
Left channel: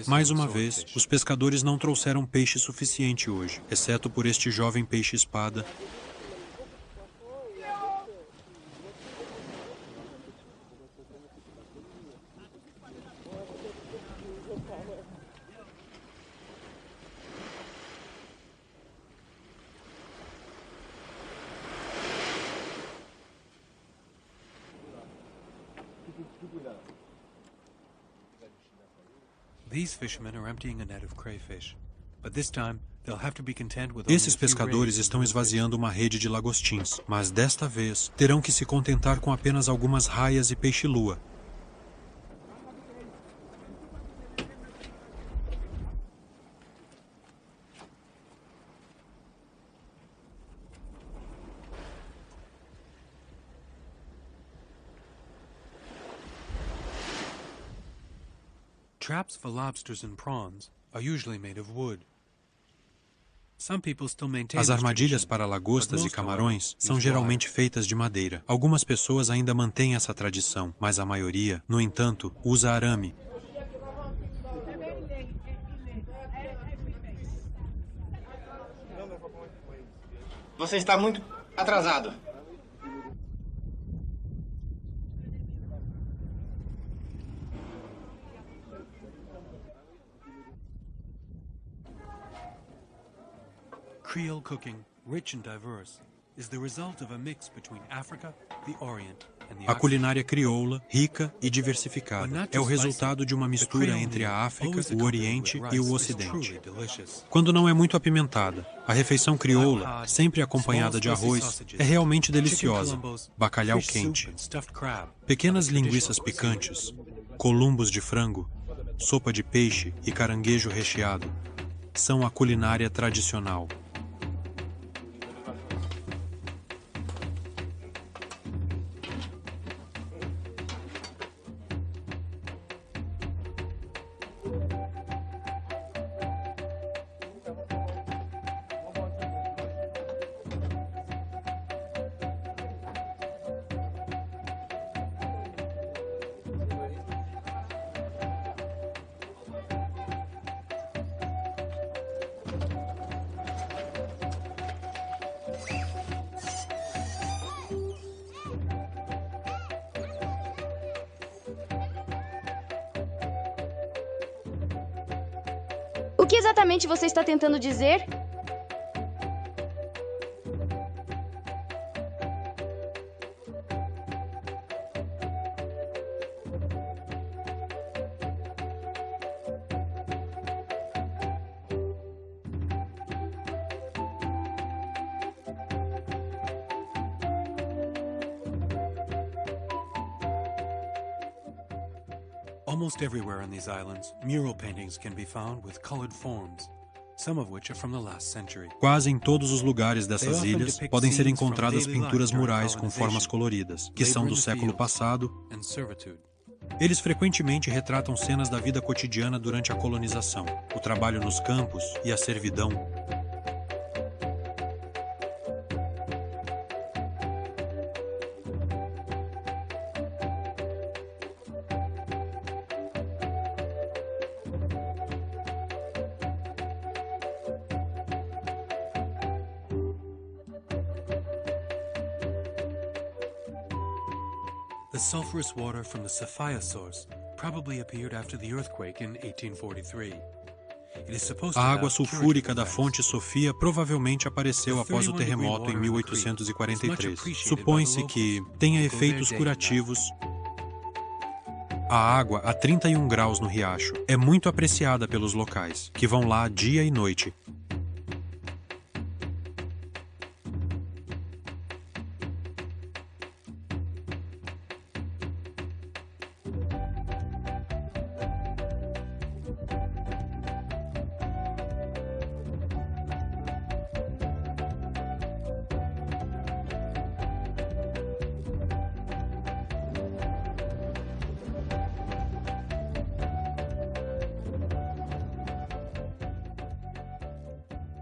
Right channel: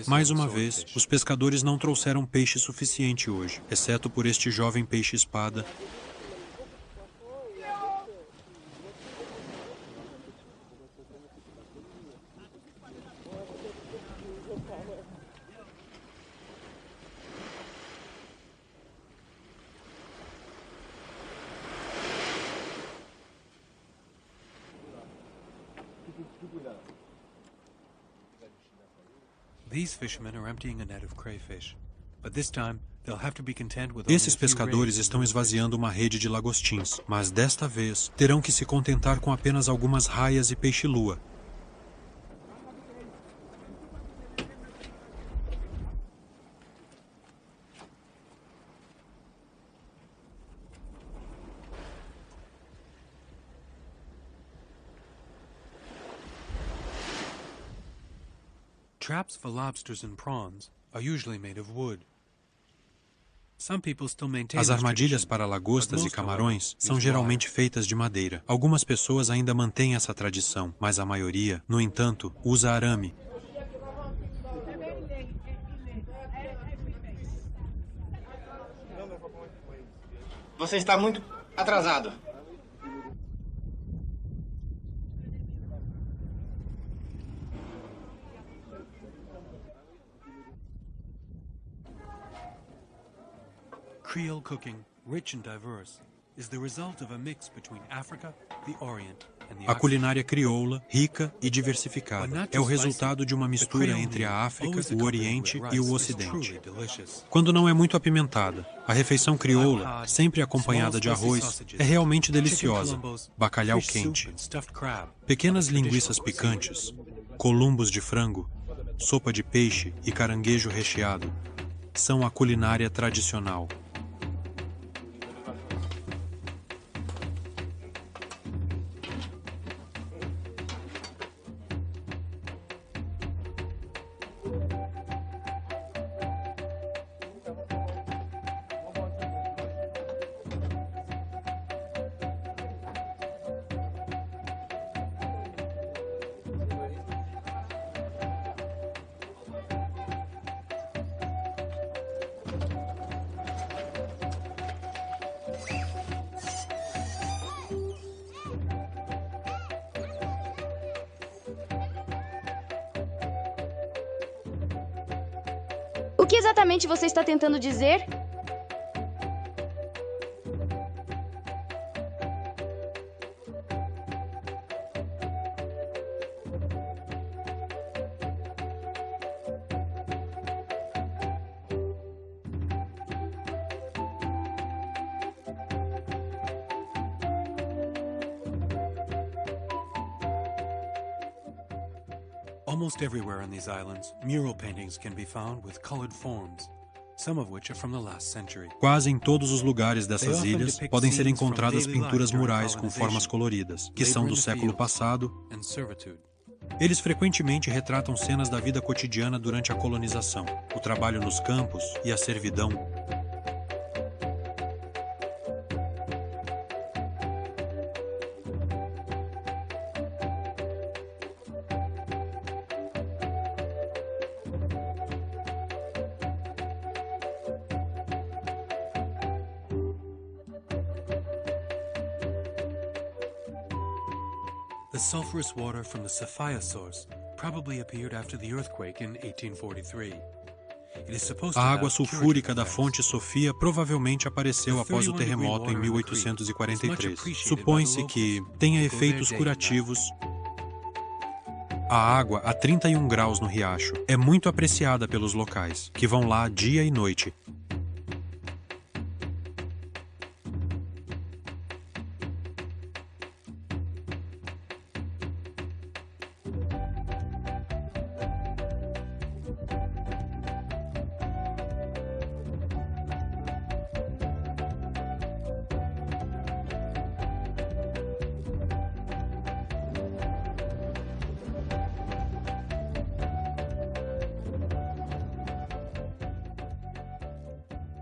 Mais uma vez, os pescadores não trouxeram peixe suficiente hoje, exceto por este jovem peixe-espada. Esses pescadores estão esvaziando uma rede de lagostins, mas desta vez terão que se contentar com apenas algumas raias e peixe-lua. Traps for lobsters and prawns are usually made of wood. As armadilhas para lagostas e camarões são geralmente feitas de madeira. Algumas pessoas ainda mantêm essa tradição, mas a maioria, no entanto, usa arame. Você está muito atrasado. Creole cooking, rich and diverse, is the result of a mix between Africa, the Orient, and the A culinária crioula, rica e diversificada, é o resultado de uma mistura entre a África, o Oriente e o Ocidente. Quando não é muito apimentada, a refeição crioula, sempre acompanhada de arroz, é realmente deliciosa. Bacalhau quente, pequenas linguiças picantes, columbos de frango, sopa de peixe e caranguejo recheado são a culinária tradicional. O que exatamente você está tentando dizer? Almost everywhere on these islands, mural paintings can be found with colored forms, some of which are from the last century. Quase em todos os lugares dessas ilhas podem ser encontradas pinturas murais com formas coloridas, que são do século passado. Eles frequentemente retratam cenas da vida cotidiana durante a colonização, o trabalho nos campos e a servidão. The sulfurous water from the Sophia source probably appeared after the earthquake in 1843. A água sulfúrica da fonte Sofia provavelmente apareceu após o terremoto em 1843. Supõe-se que tenha efeitos curativos. A água a 31 graus no riacho é muito apreciada pelos locais, que vão lá dia e noite.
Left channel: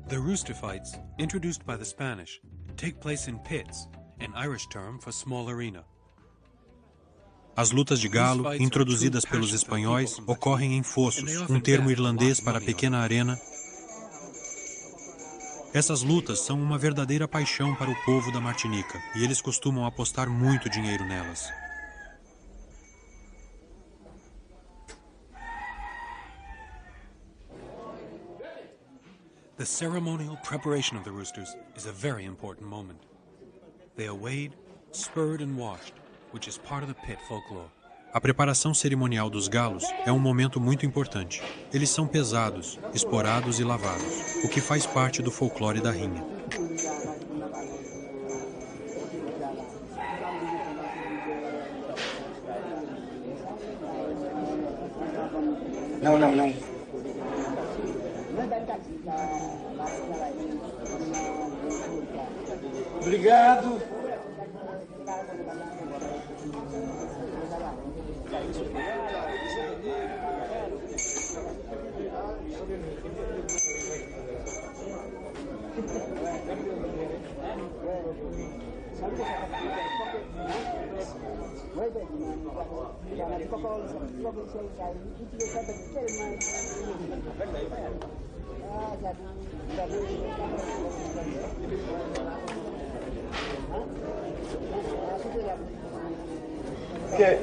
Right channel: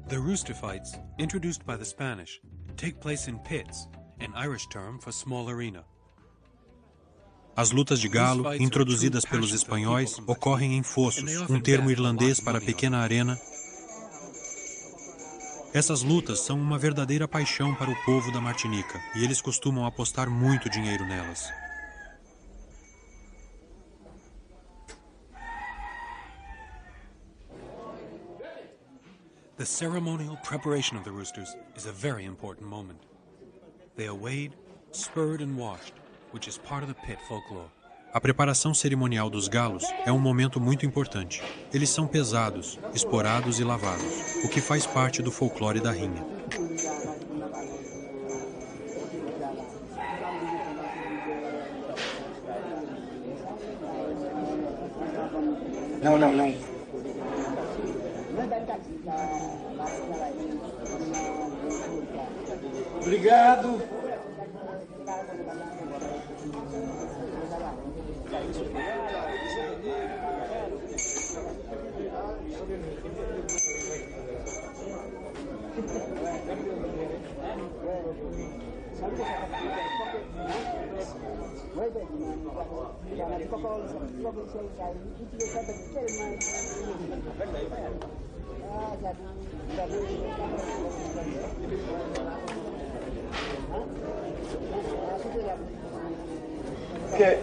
The rooster fights, introduced by the Spanish, take place in pits, an Irish term for small arena. As lutas de galo, introduzidas pelos espanhóis, ocorrem em fossos, um termo irlandês para pequena arena. Essas lutas são uma verdadeira paixão para o povo da Martinica, e eles costumam apostar muito dinheiro nelas. The ceremonial preparation of the roosters is a very important moment. They are weighed, spurred and washed, which is part of the pit folklore. A preparação cerimonial dos galos é um momento muito importante. Eles são pesados, esporados e lavados, o que faz parte do folclore da rinha. Não. Obrigado. Que?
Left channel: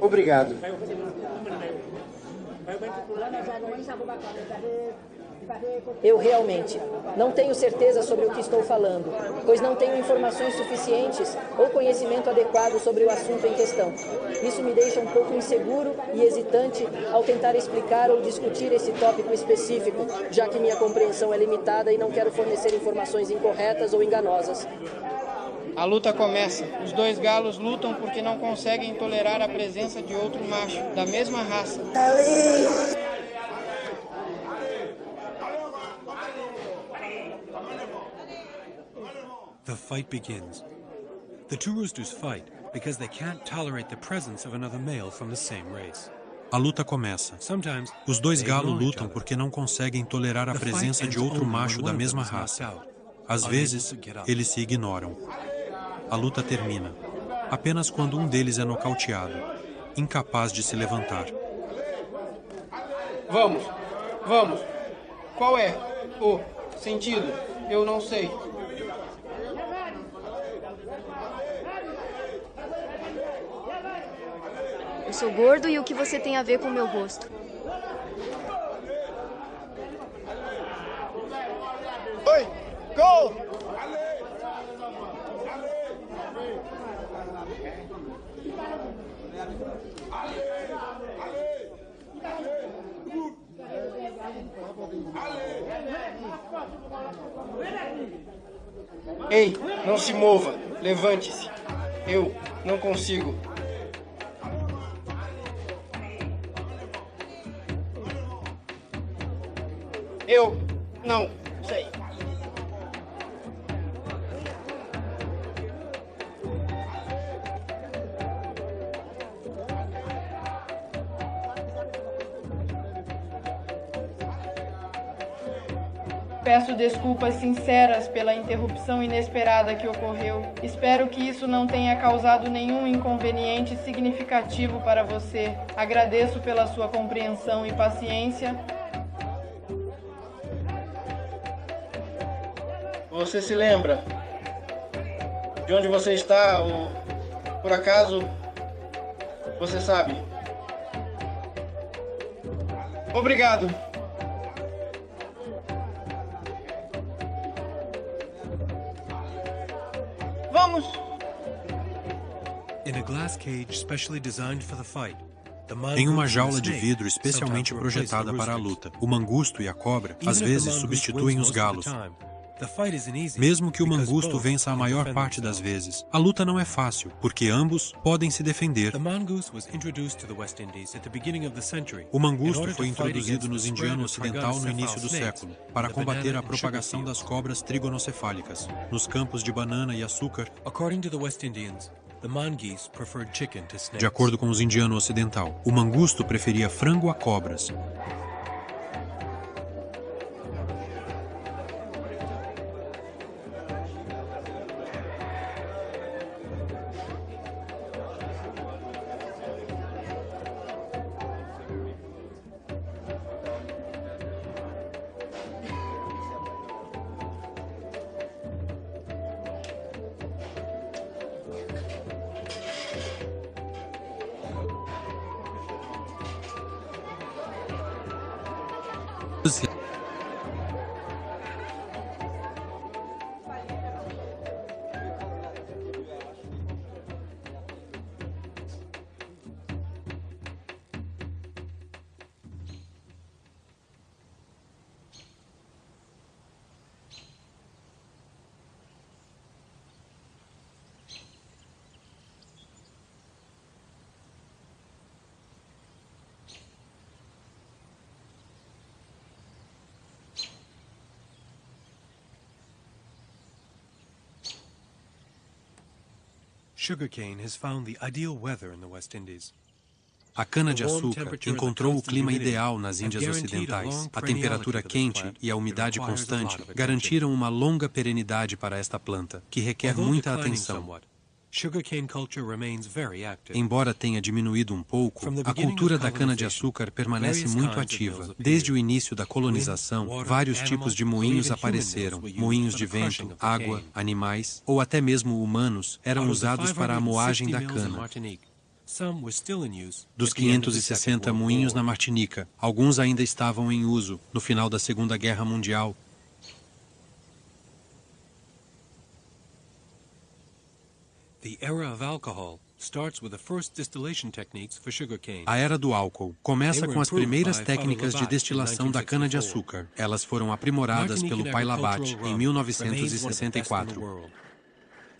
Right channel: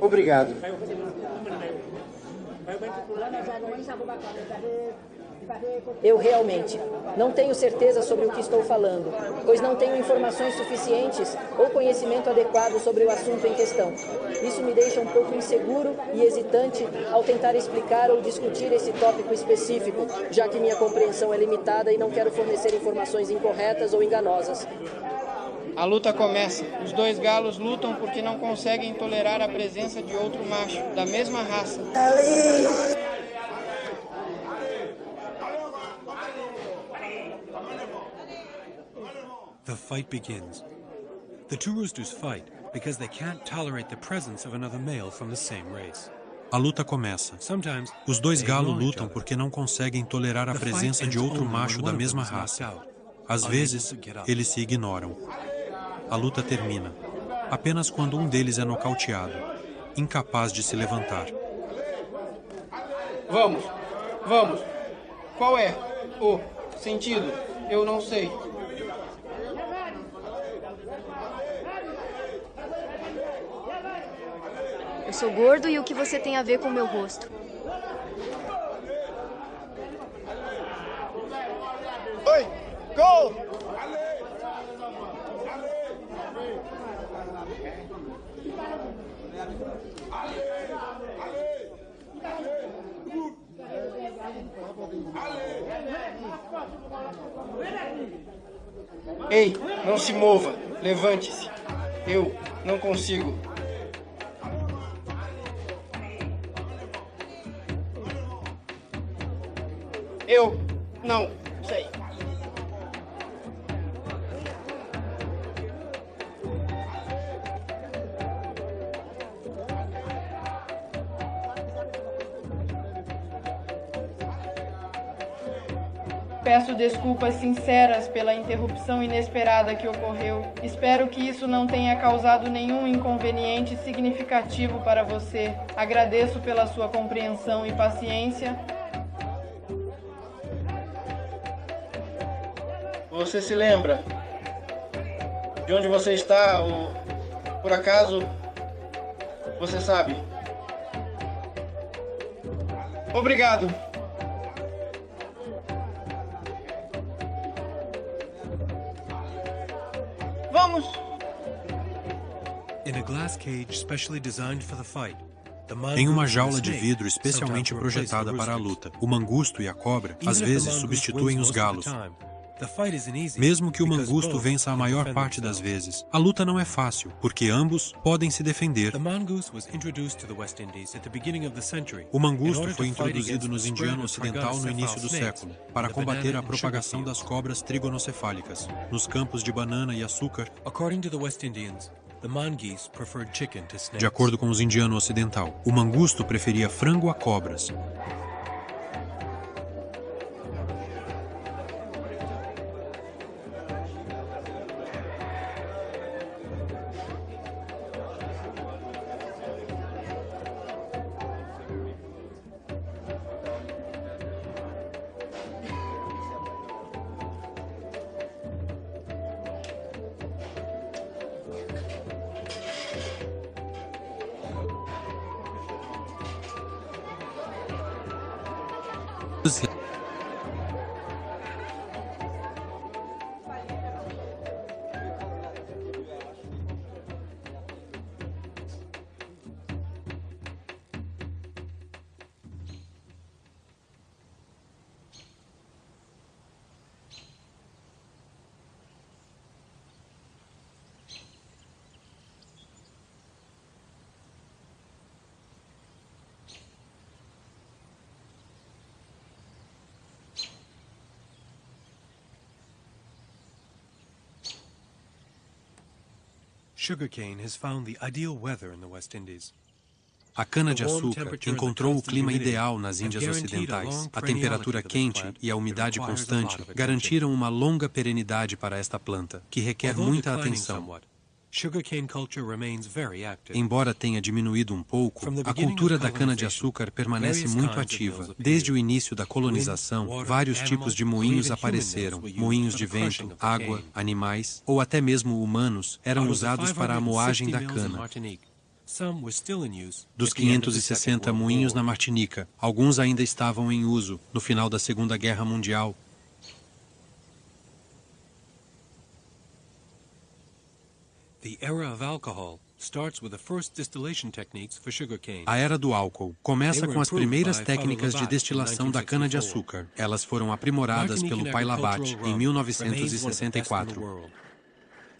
Obrigado. Eu realmente não tenho certeza sobre o que estou falando, pois não tenho informações suficientes ou conhecimento adequado sobre o assunto em questão. Isso me deixa um pouco inseguro e hesitante ao tentar explicar ou discutir esse tópico específico, já que minha compreensão é limitada e não quero fornecer informações incorretas ou enganosas. A luta começa. Os dois galos lutam porque não conseguem tolerar a presença de outro macho, da mesma raça. The fight begins. The two roosters fight because they can't tolerate the presence of another male from the same race. A luta começa. Sometimes, Os dois they galos ignore each lutam other. porque não conseguem tolerar a The fight presença de ends outro only macho when da one of mesma them is knocked raça. out, Às unable vezes, to get up. eles se ignoram. A luta termina. Apenas quando um deles é nocauteado, incapaz de se levantar. Vamos, vamos. Qual é o sentido? Eu não sei. Eu sou gordo e o que você tem a ver com o meu rosto? Oi, gol! Ei, não se mova. Levante-se. Eu não consigo. Eu não sei. Peço desculpas sinceras pela interrupção inesperada que ocorreu. Espero que isso não tenha causado nenhum inconveniente significativo para você. Agradeço pela sua compreensão e paciência. Você se lembra de onde você está ou, por acaso, você sabe? Obrigado. Vamos! In a glass cage specially designed for the fight, the Em uma mongoose and jaula the de snake vidro especialmente sometimes replace the projetada para a roosters. luta, o mangusto e a cobra às Even if the vezes mongoose substituem wins os most of galos. the time, the fight isn't easy Mesmo que o because mangusto both vença a can maior defend parte das themselves. vezes, a luta não é fácil, porque ambos podem se defender. The mongoose was introduced to the West Indies at the beginning of the century. O In mangusto order foi to fight introduzido against nos the spread Indiano of Ocidental no início do trigonocephal século, snakes, para the combater banana a and sugar propagação fields. das cobras trigonocefálicas. Nos campos de banana e açúcar, According to the West Indians, the mongoose preferred chicken to snakes. de acordo com os Indiano Ocidental, o mangusto preferia frango a cobras. Sugarcane has found the ideal weather in the West Indies. A cana-de-açúcar encontrou o clima ideal nas Índias Ocidentais. A temperatura quente e a umidade constante garantiram uma longa perenidade para esta planta, que requer muita atenção. Embora tenha diminuído um pouco, a cultura da cana-de-açúcar permanece muito ativa. Desde o início da colonização, vários tipos de moinhos apareceram. Moinhos de vento, água, animais ou até mesmo humanos eram usados para a moagem da cana. Dos 560 moinhos na Martinica, alguns ainda estavam em uso no final da Segunda Guerra Mundial. A era do álcool começa com as primeiras técnicas de destilação da cana-de-açúcar. Elas foram aprimoradas pelo pai Labatt em 1964.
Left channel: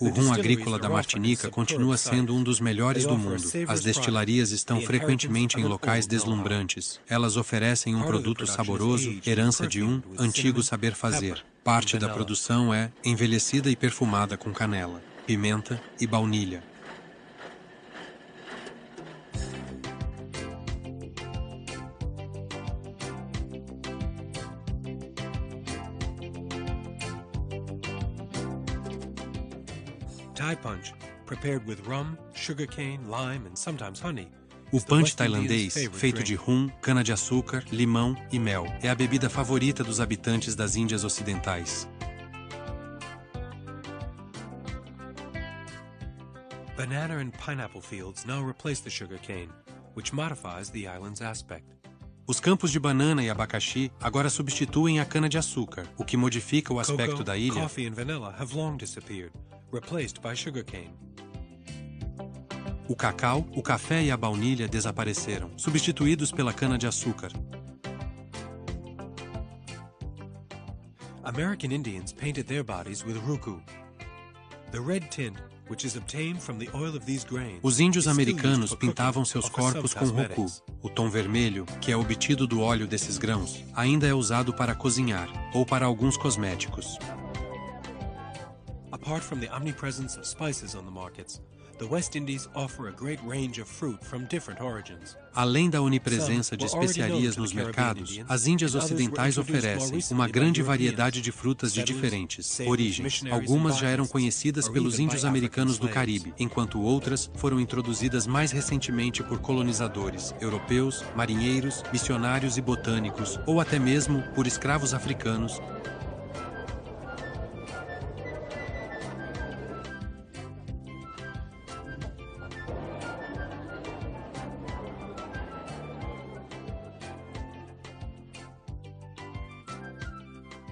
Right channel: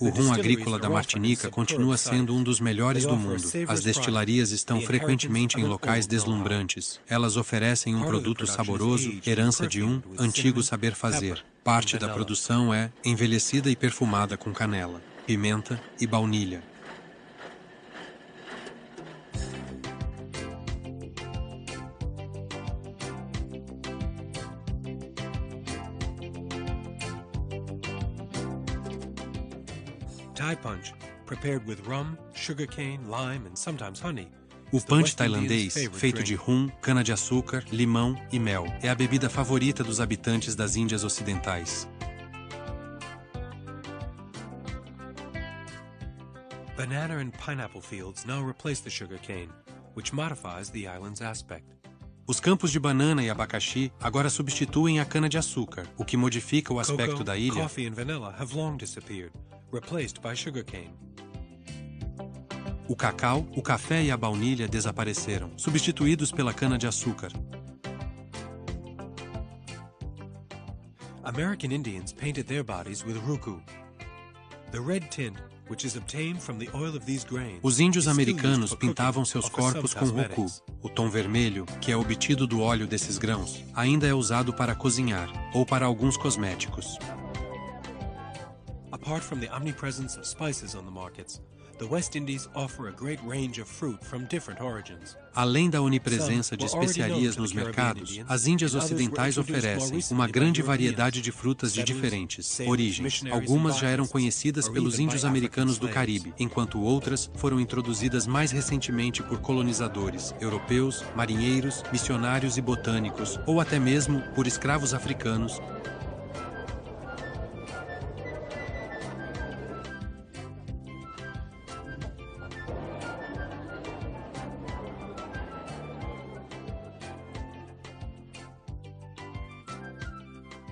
O rum agrícola da Martinica continua sendo um dos melhores do mundo. As destilarias estão frequentemente em locais deslumbrantes. Elas oferecem um produto saboroso, herança de um antigo saber fazer. Parte da produção é envelhecida e perfumada com canela, pimenta e baunilha. Thai punch, prepared with rum, sugarcane, lime and sometimes honey. O punch tailandês, feito de rum, cana-de-açúcar, limão e mel, é a bebida favorita dos habitantes das Índias Ocidentais. Banana and pineapple fields now replace the sugarcane, which modifies the island's aspect. Os campos de banana e abacaxi agora substituem a cana-de-açúcar, o que modifica o aspecto da ilha. Coffee and vanilla have long disappeared, replaced by sugarcane. O cacau, o café e a baunilha desapareceram, substituídos pela cana-de-açúcar. American Indians painted their bodies with ruku. The red tint, which is obtained from the oil of these grains, Os índios is still americanos used for cooking pintavam seus or for some corpos com roku. cosmetics. O tom vermelho, que é obtido do óleo desses grãos, ainda é usado para cozinhar ou para alguns cosméticos. Apart from the omnipresence of spices on the markets, the West Indies offer a great range of fruit from different origins. Além da onipresença de especiarias nos mercados, as Índias Ocidentais oferecem uma grande variedade de frutas de diferentes origens. Algumas já eram conhecidas pelos índios americanos do Caribe, enquanto outras foram introduzidas mais recentemente por colonizadores europeus, marinheiros, missionários e botânicos, ou até mesmo por escravos africanos.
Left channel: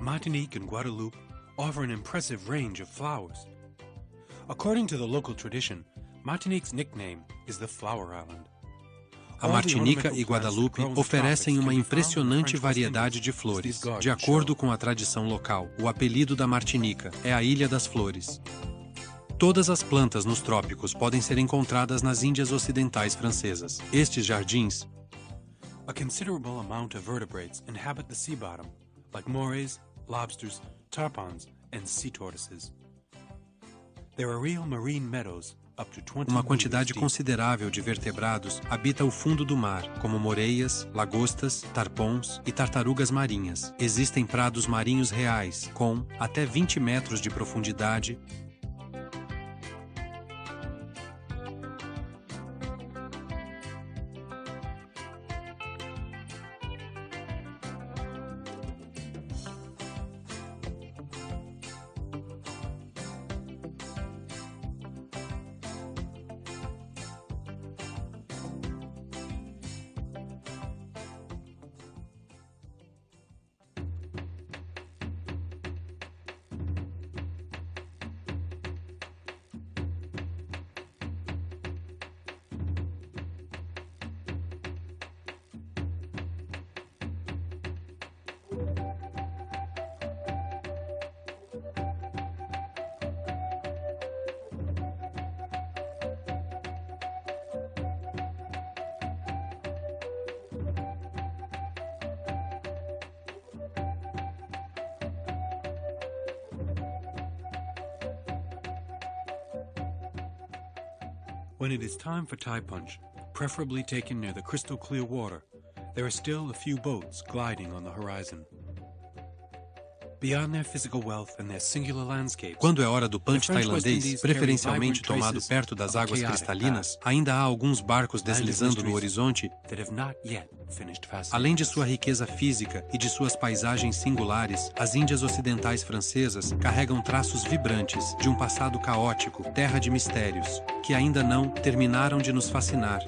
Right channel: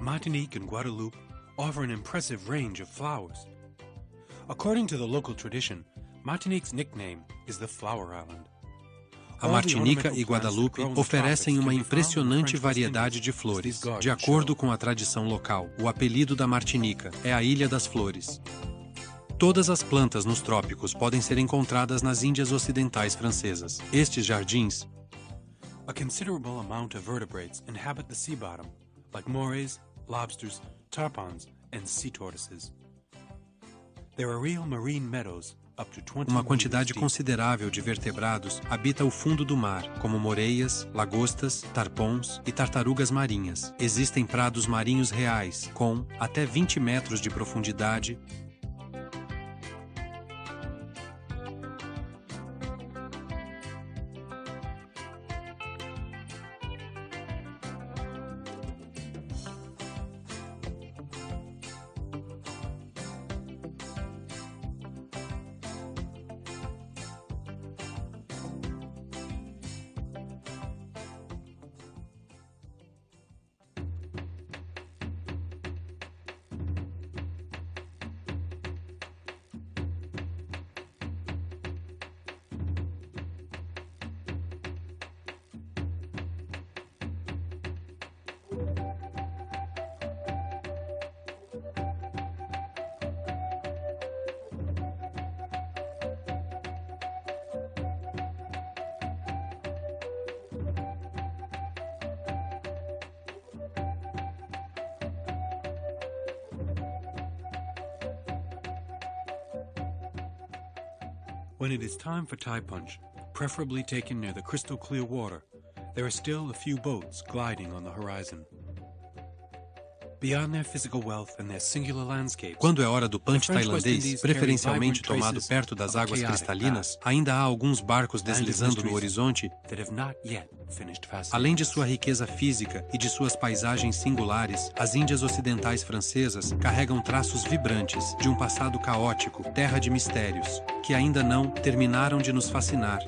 Martinique and Guadeloupe offer an impressive range of flowers. According to the local tradition, Martinique's nickname is the Flower Island. A Martinica e Guadalupe oferecem uma impressionante variedade de flores. De acordo com a tradição local, o apelido da Martinica é a Ilha das Flores. Todas as plantas nos trópicos podem ser encontradas nas Índias Ocidentais francesas. Estes jardins, A considerable amount of vertebrates inhabit the sea bottom, like morays, lobsters, tarpons, and sea tortoises. There are real marine meadows up to 20 uma meters quantidade deep. considerável de vertebrados habita o fundo do mar, como moreias, lagostas, tarpons e tartarugas marinhas. Existem prados marinhos reais, com até 20 metros de profundidade. When it is time for Thai punch, preferably taken near the crystal clear water. There are still a few boats gliding on the horizon. Beyond their physical wealth and their singular landscapes, Quando é hora do punch tailandês, preferencialmente tomado perto das águas cristalinas, ainda há alguns barcos deslizando no horizonte, that have not yet finished fascinating além de us. sua riqueza física e de suas paisagens singulares. As Índias Ocidentais francesas carregam traços vibrantes de um passado caótico, terra de mistérios, que ainda não terminaram de nos fascinar.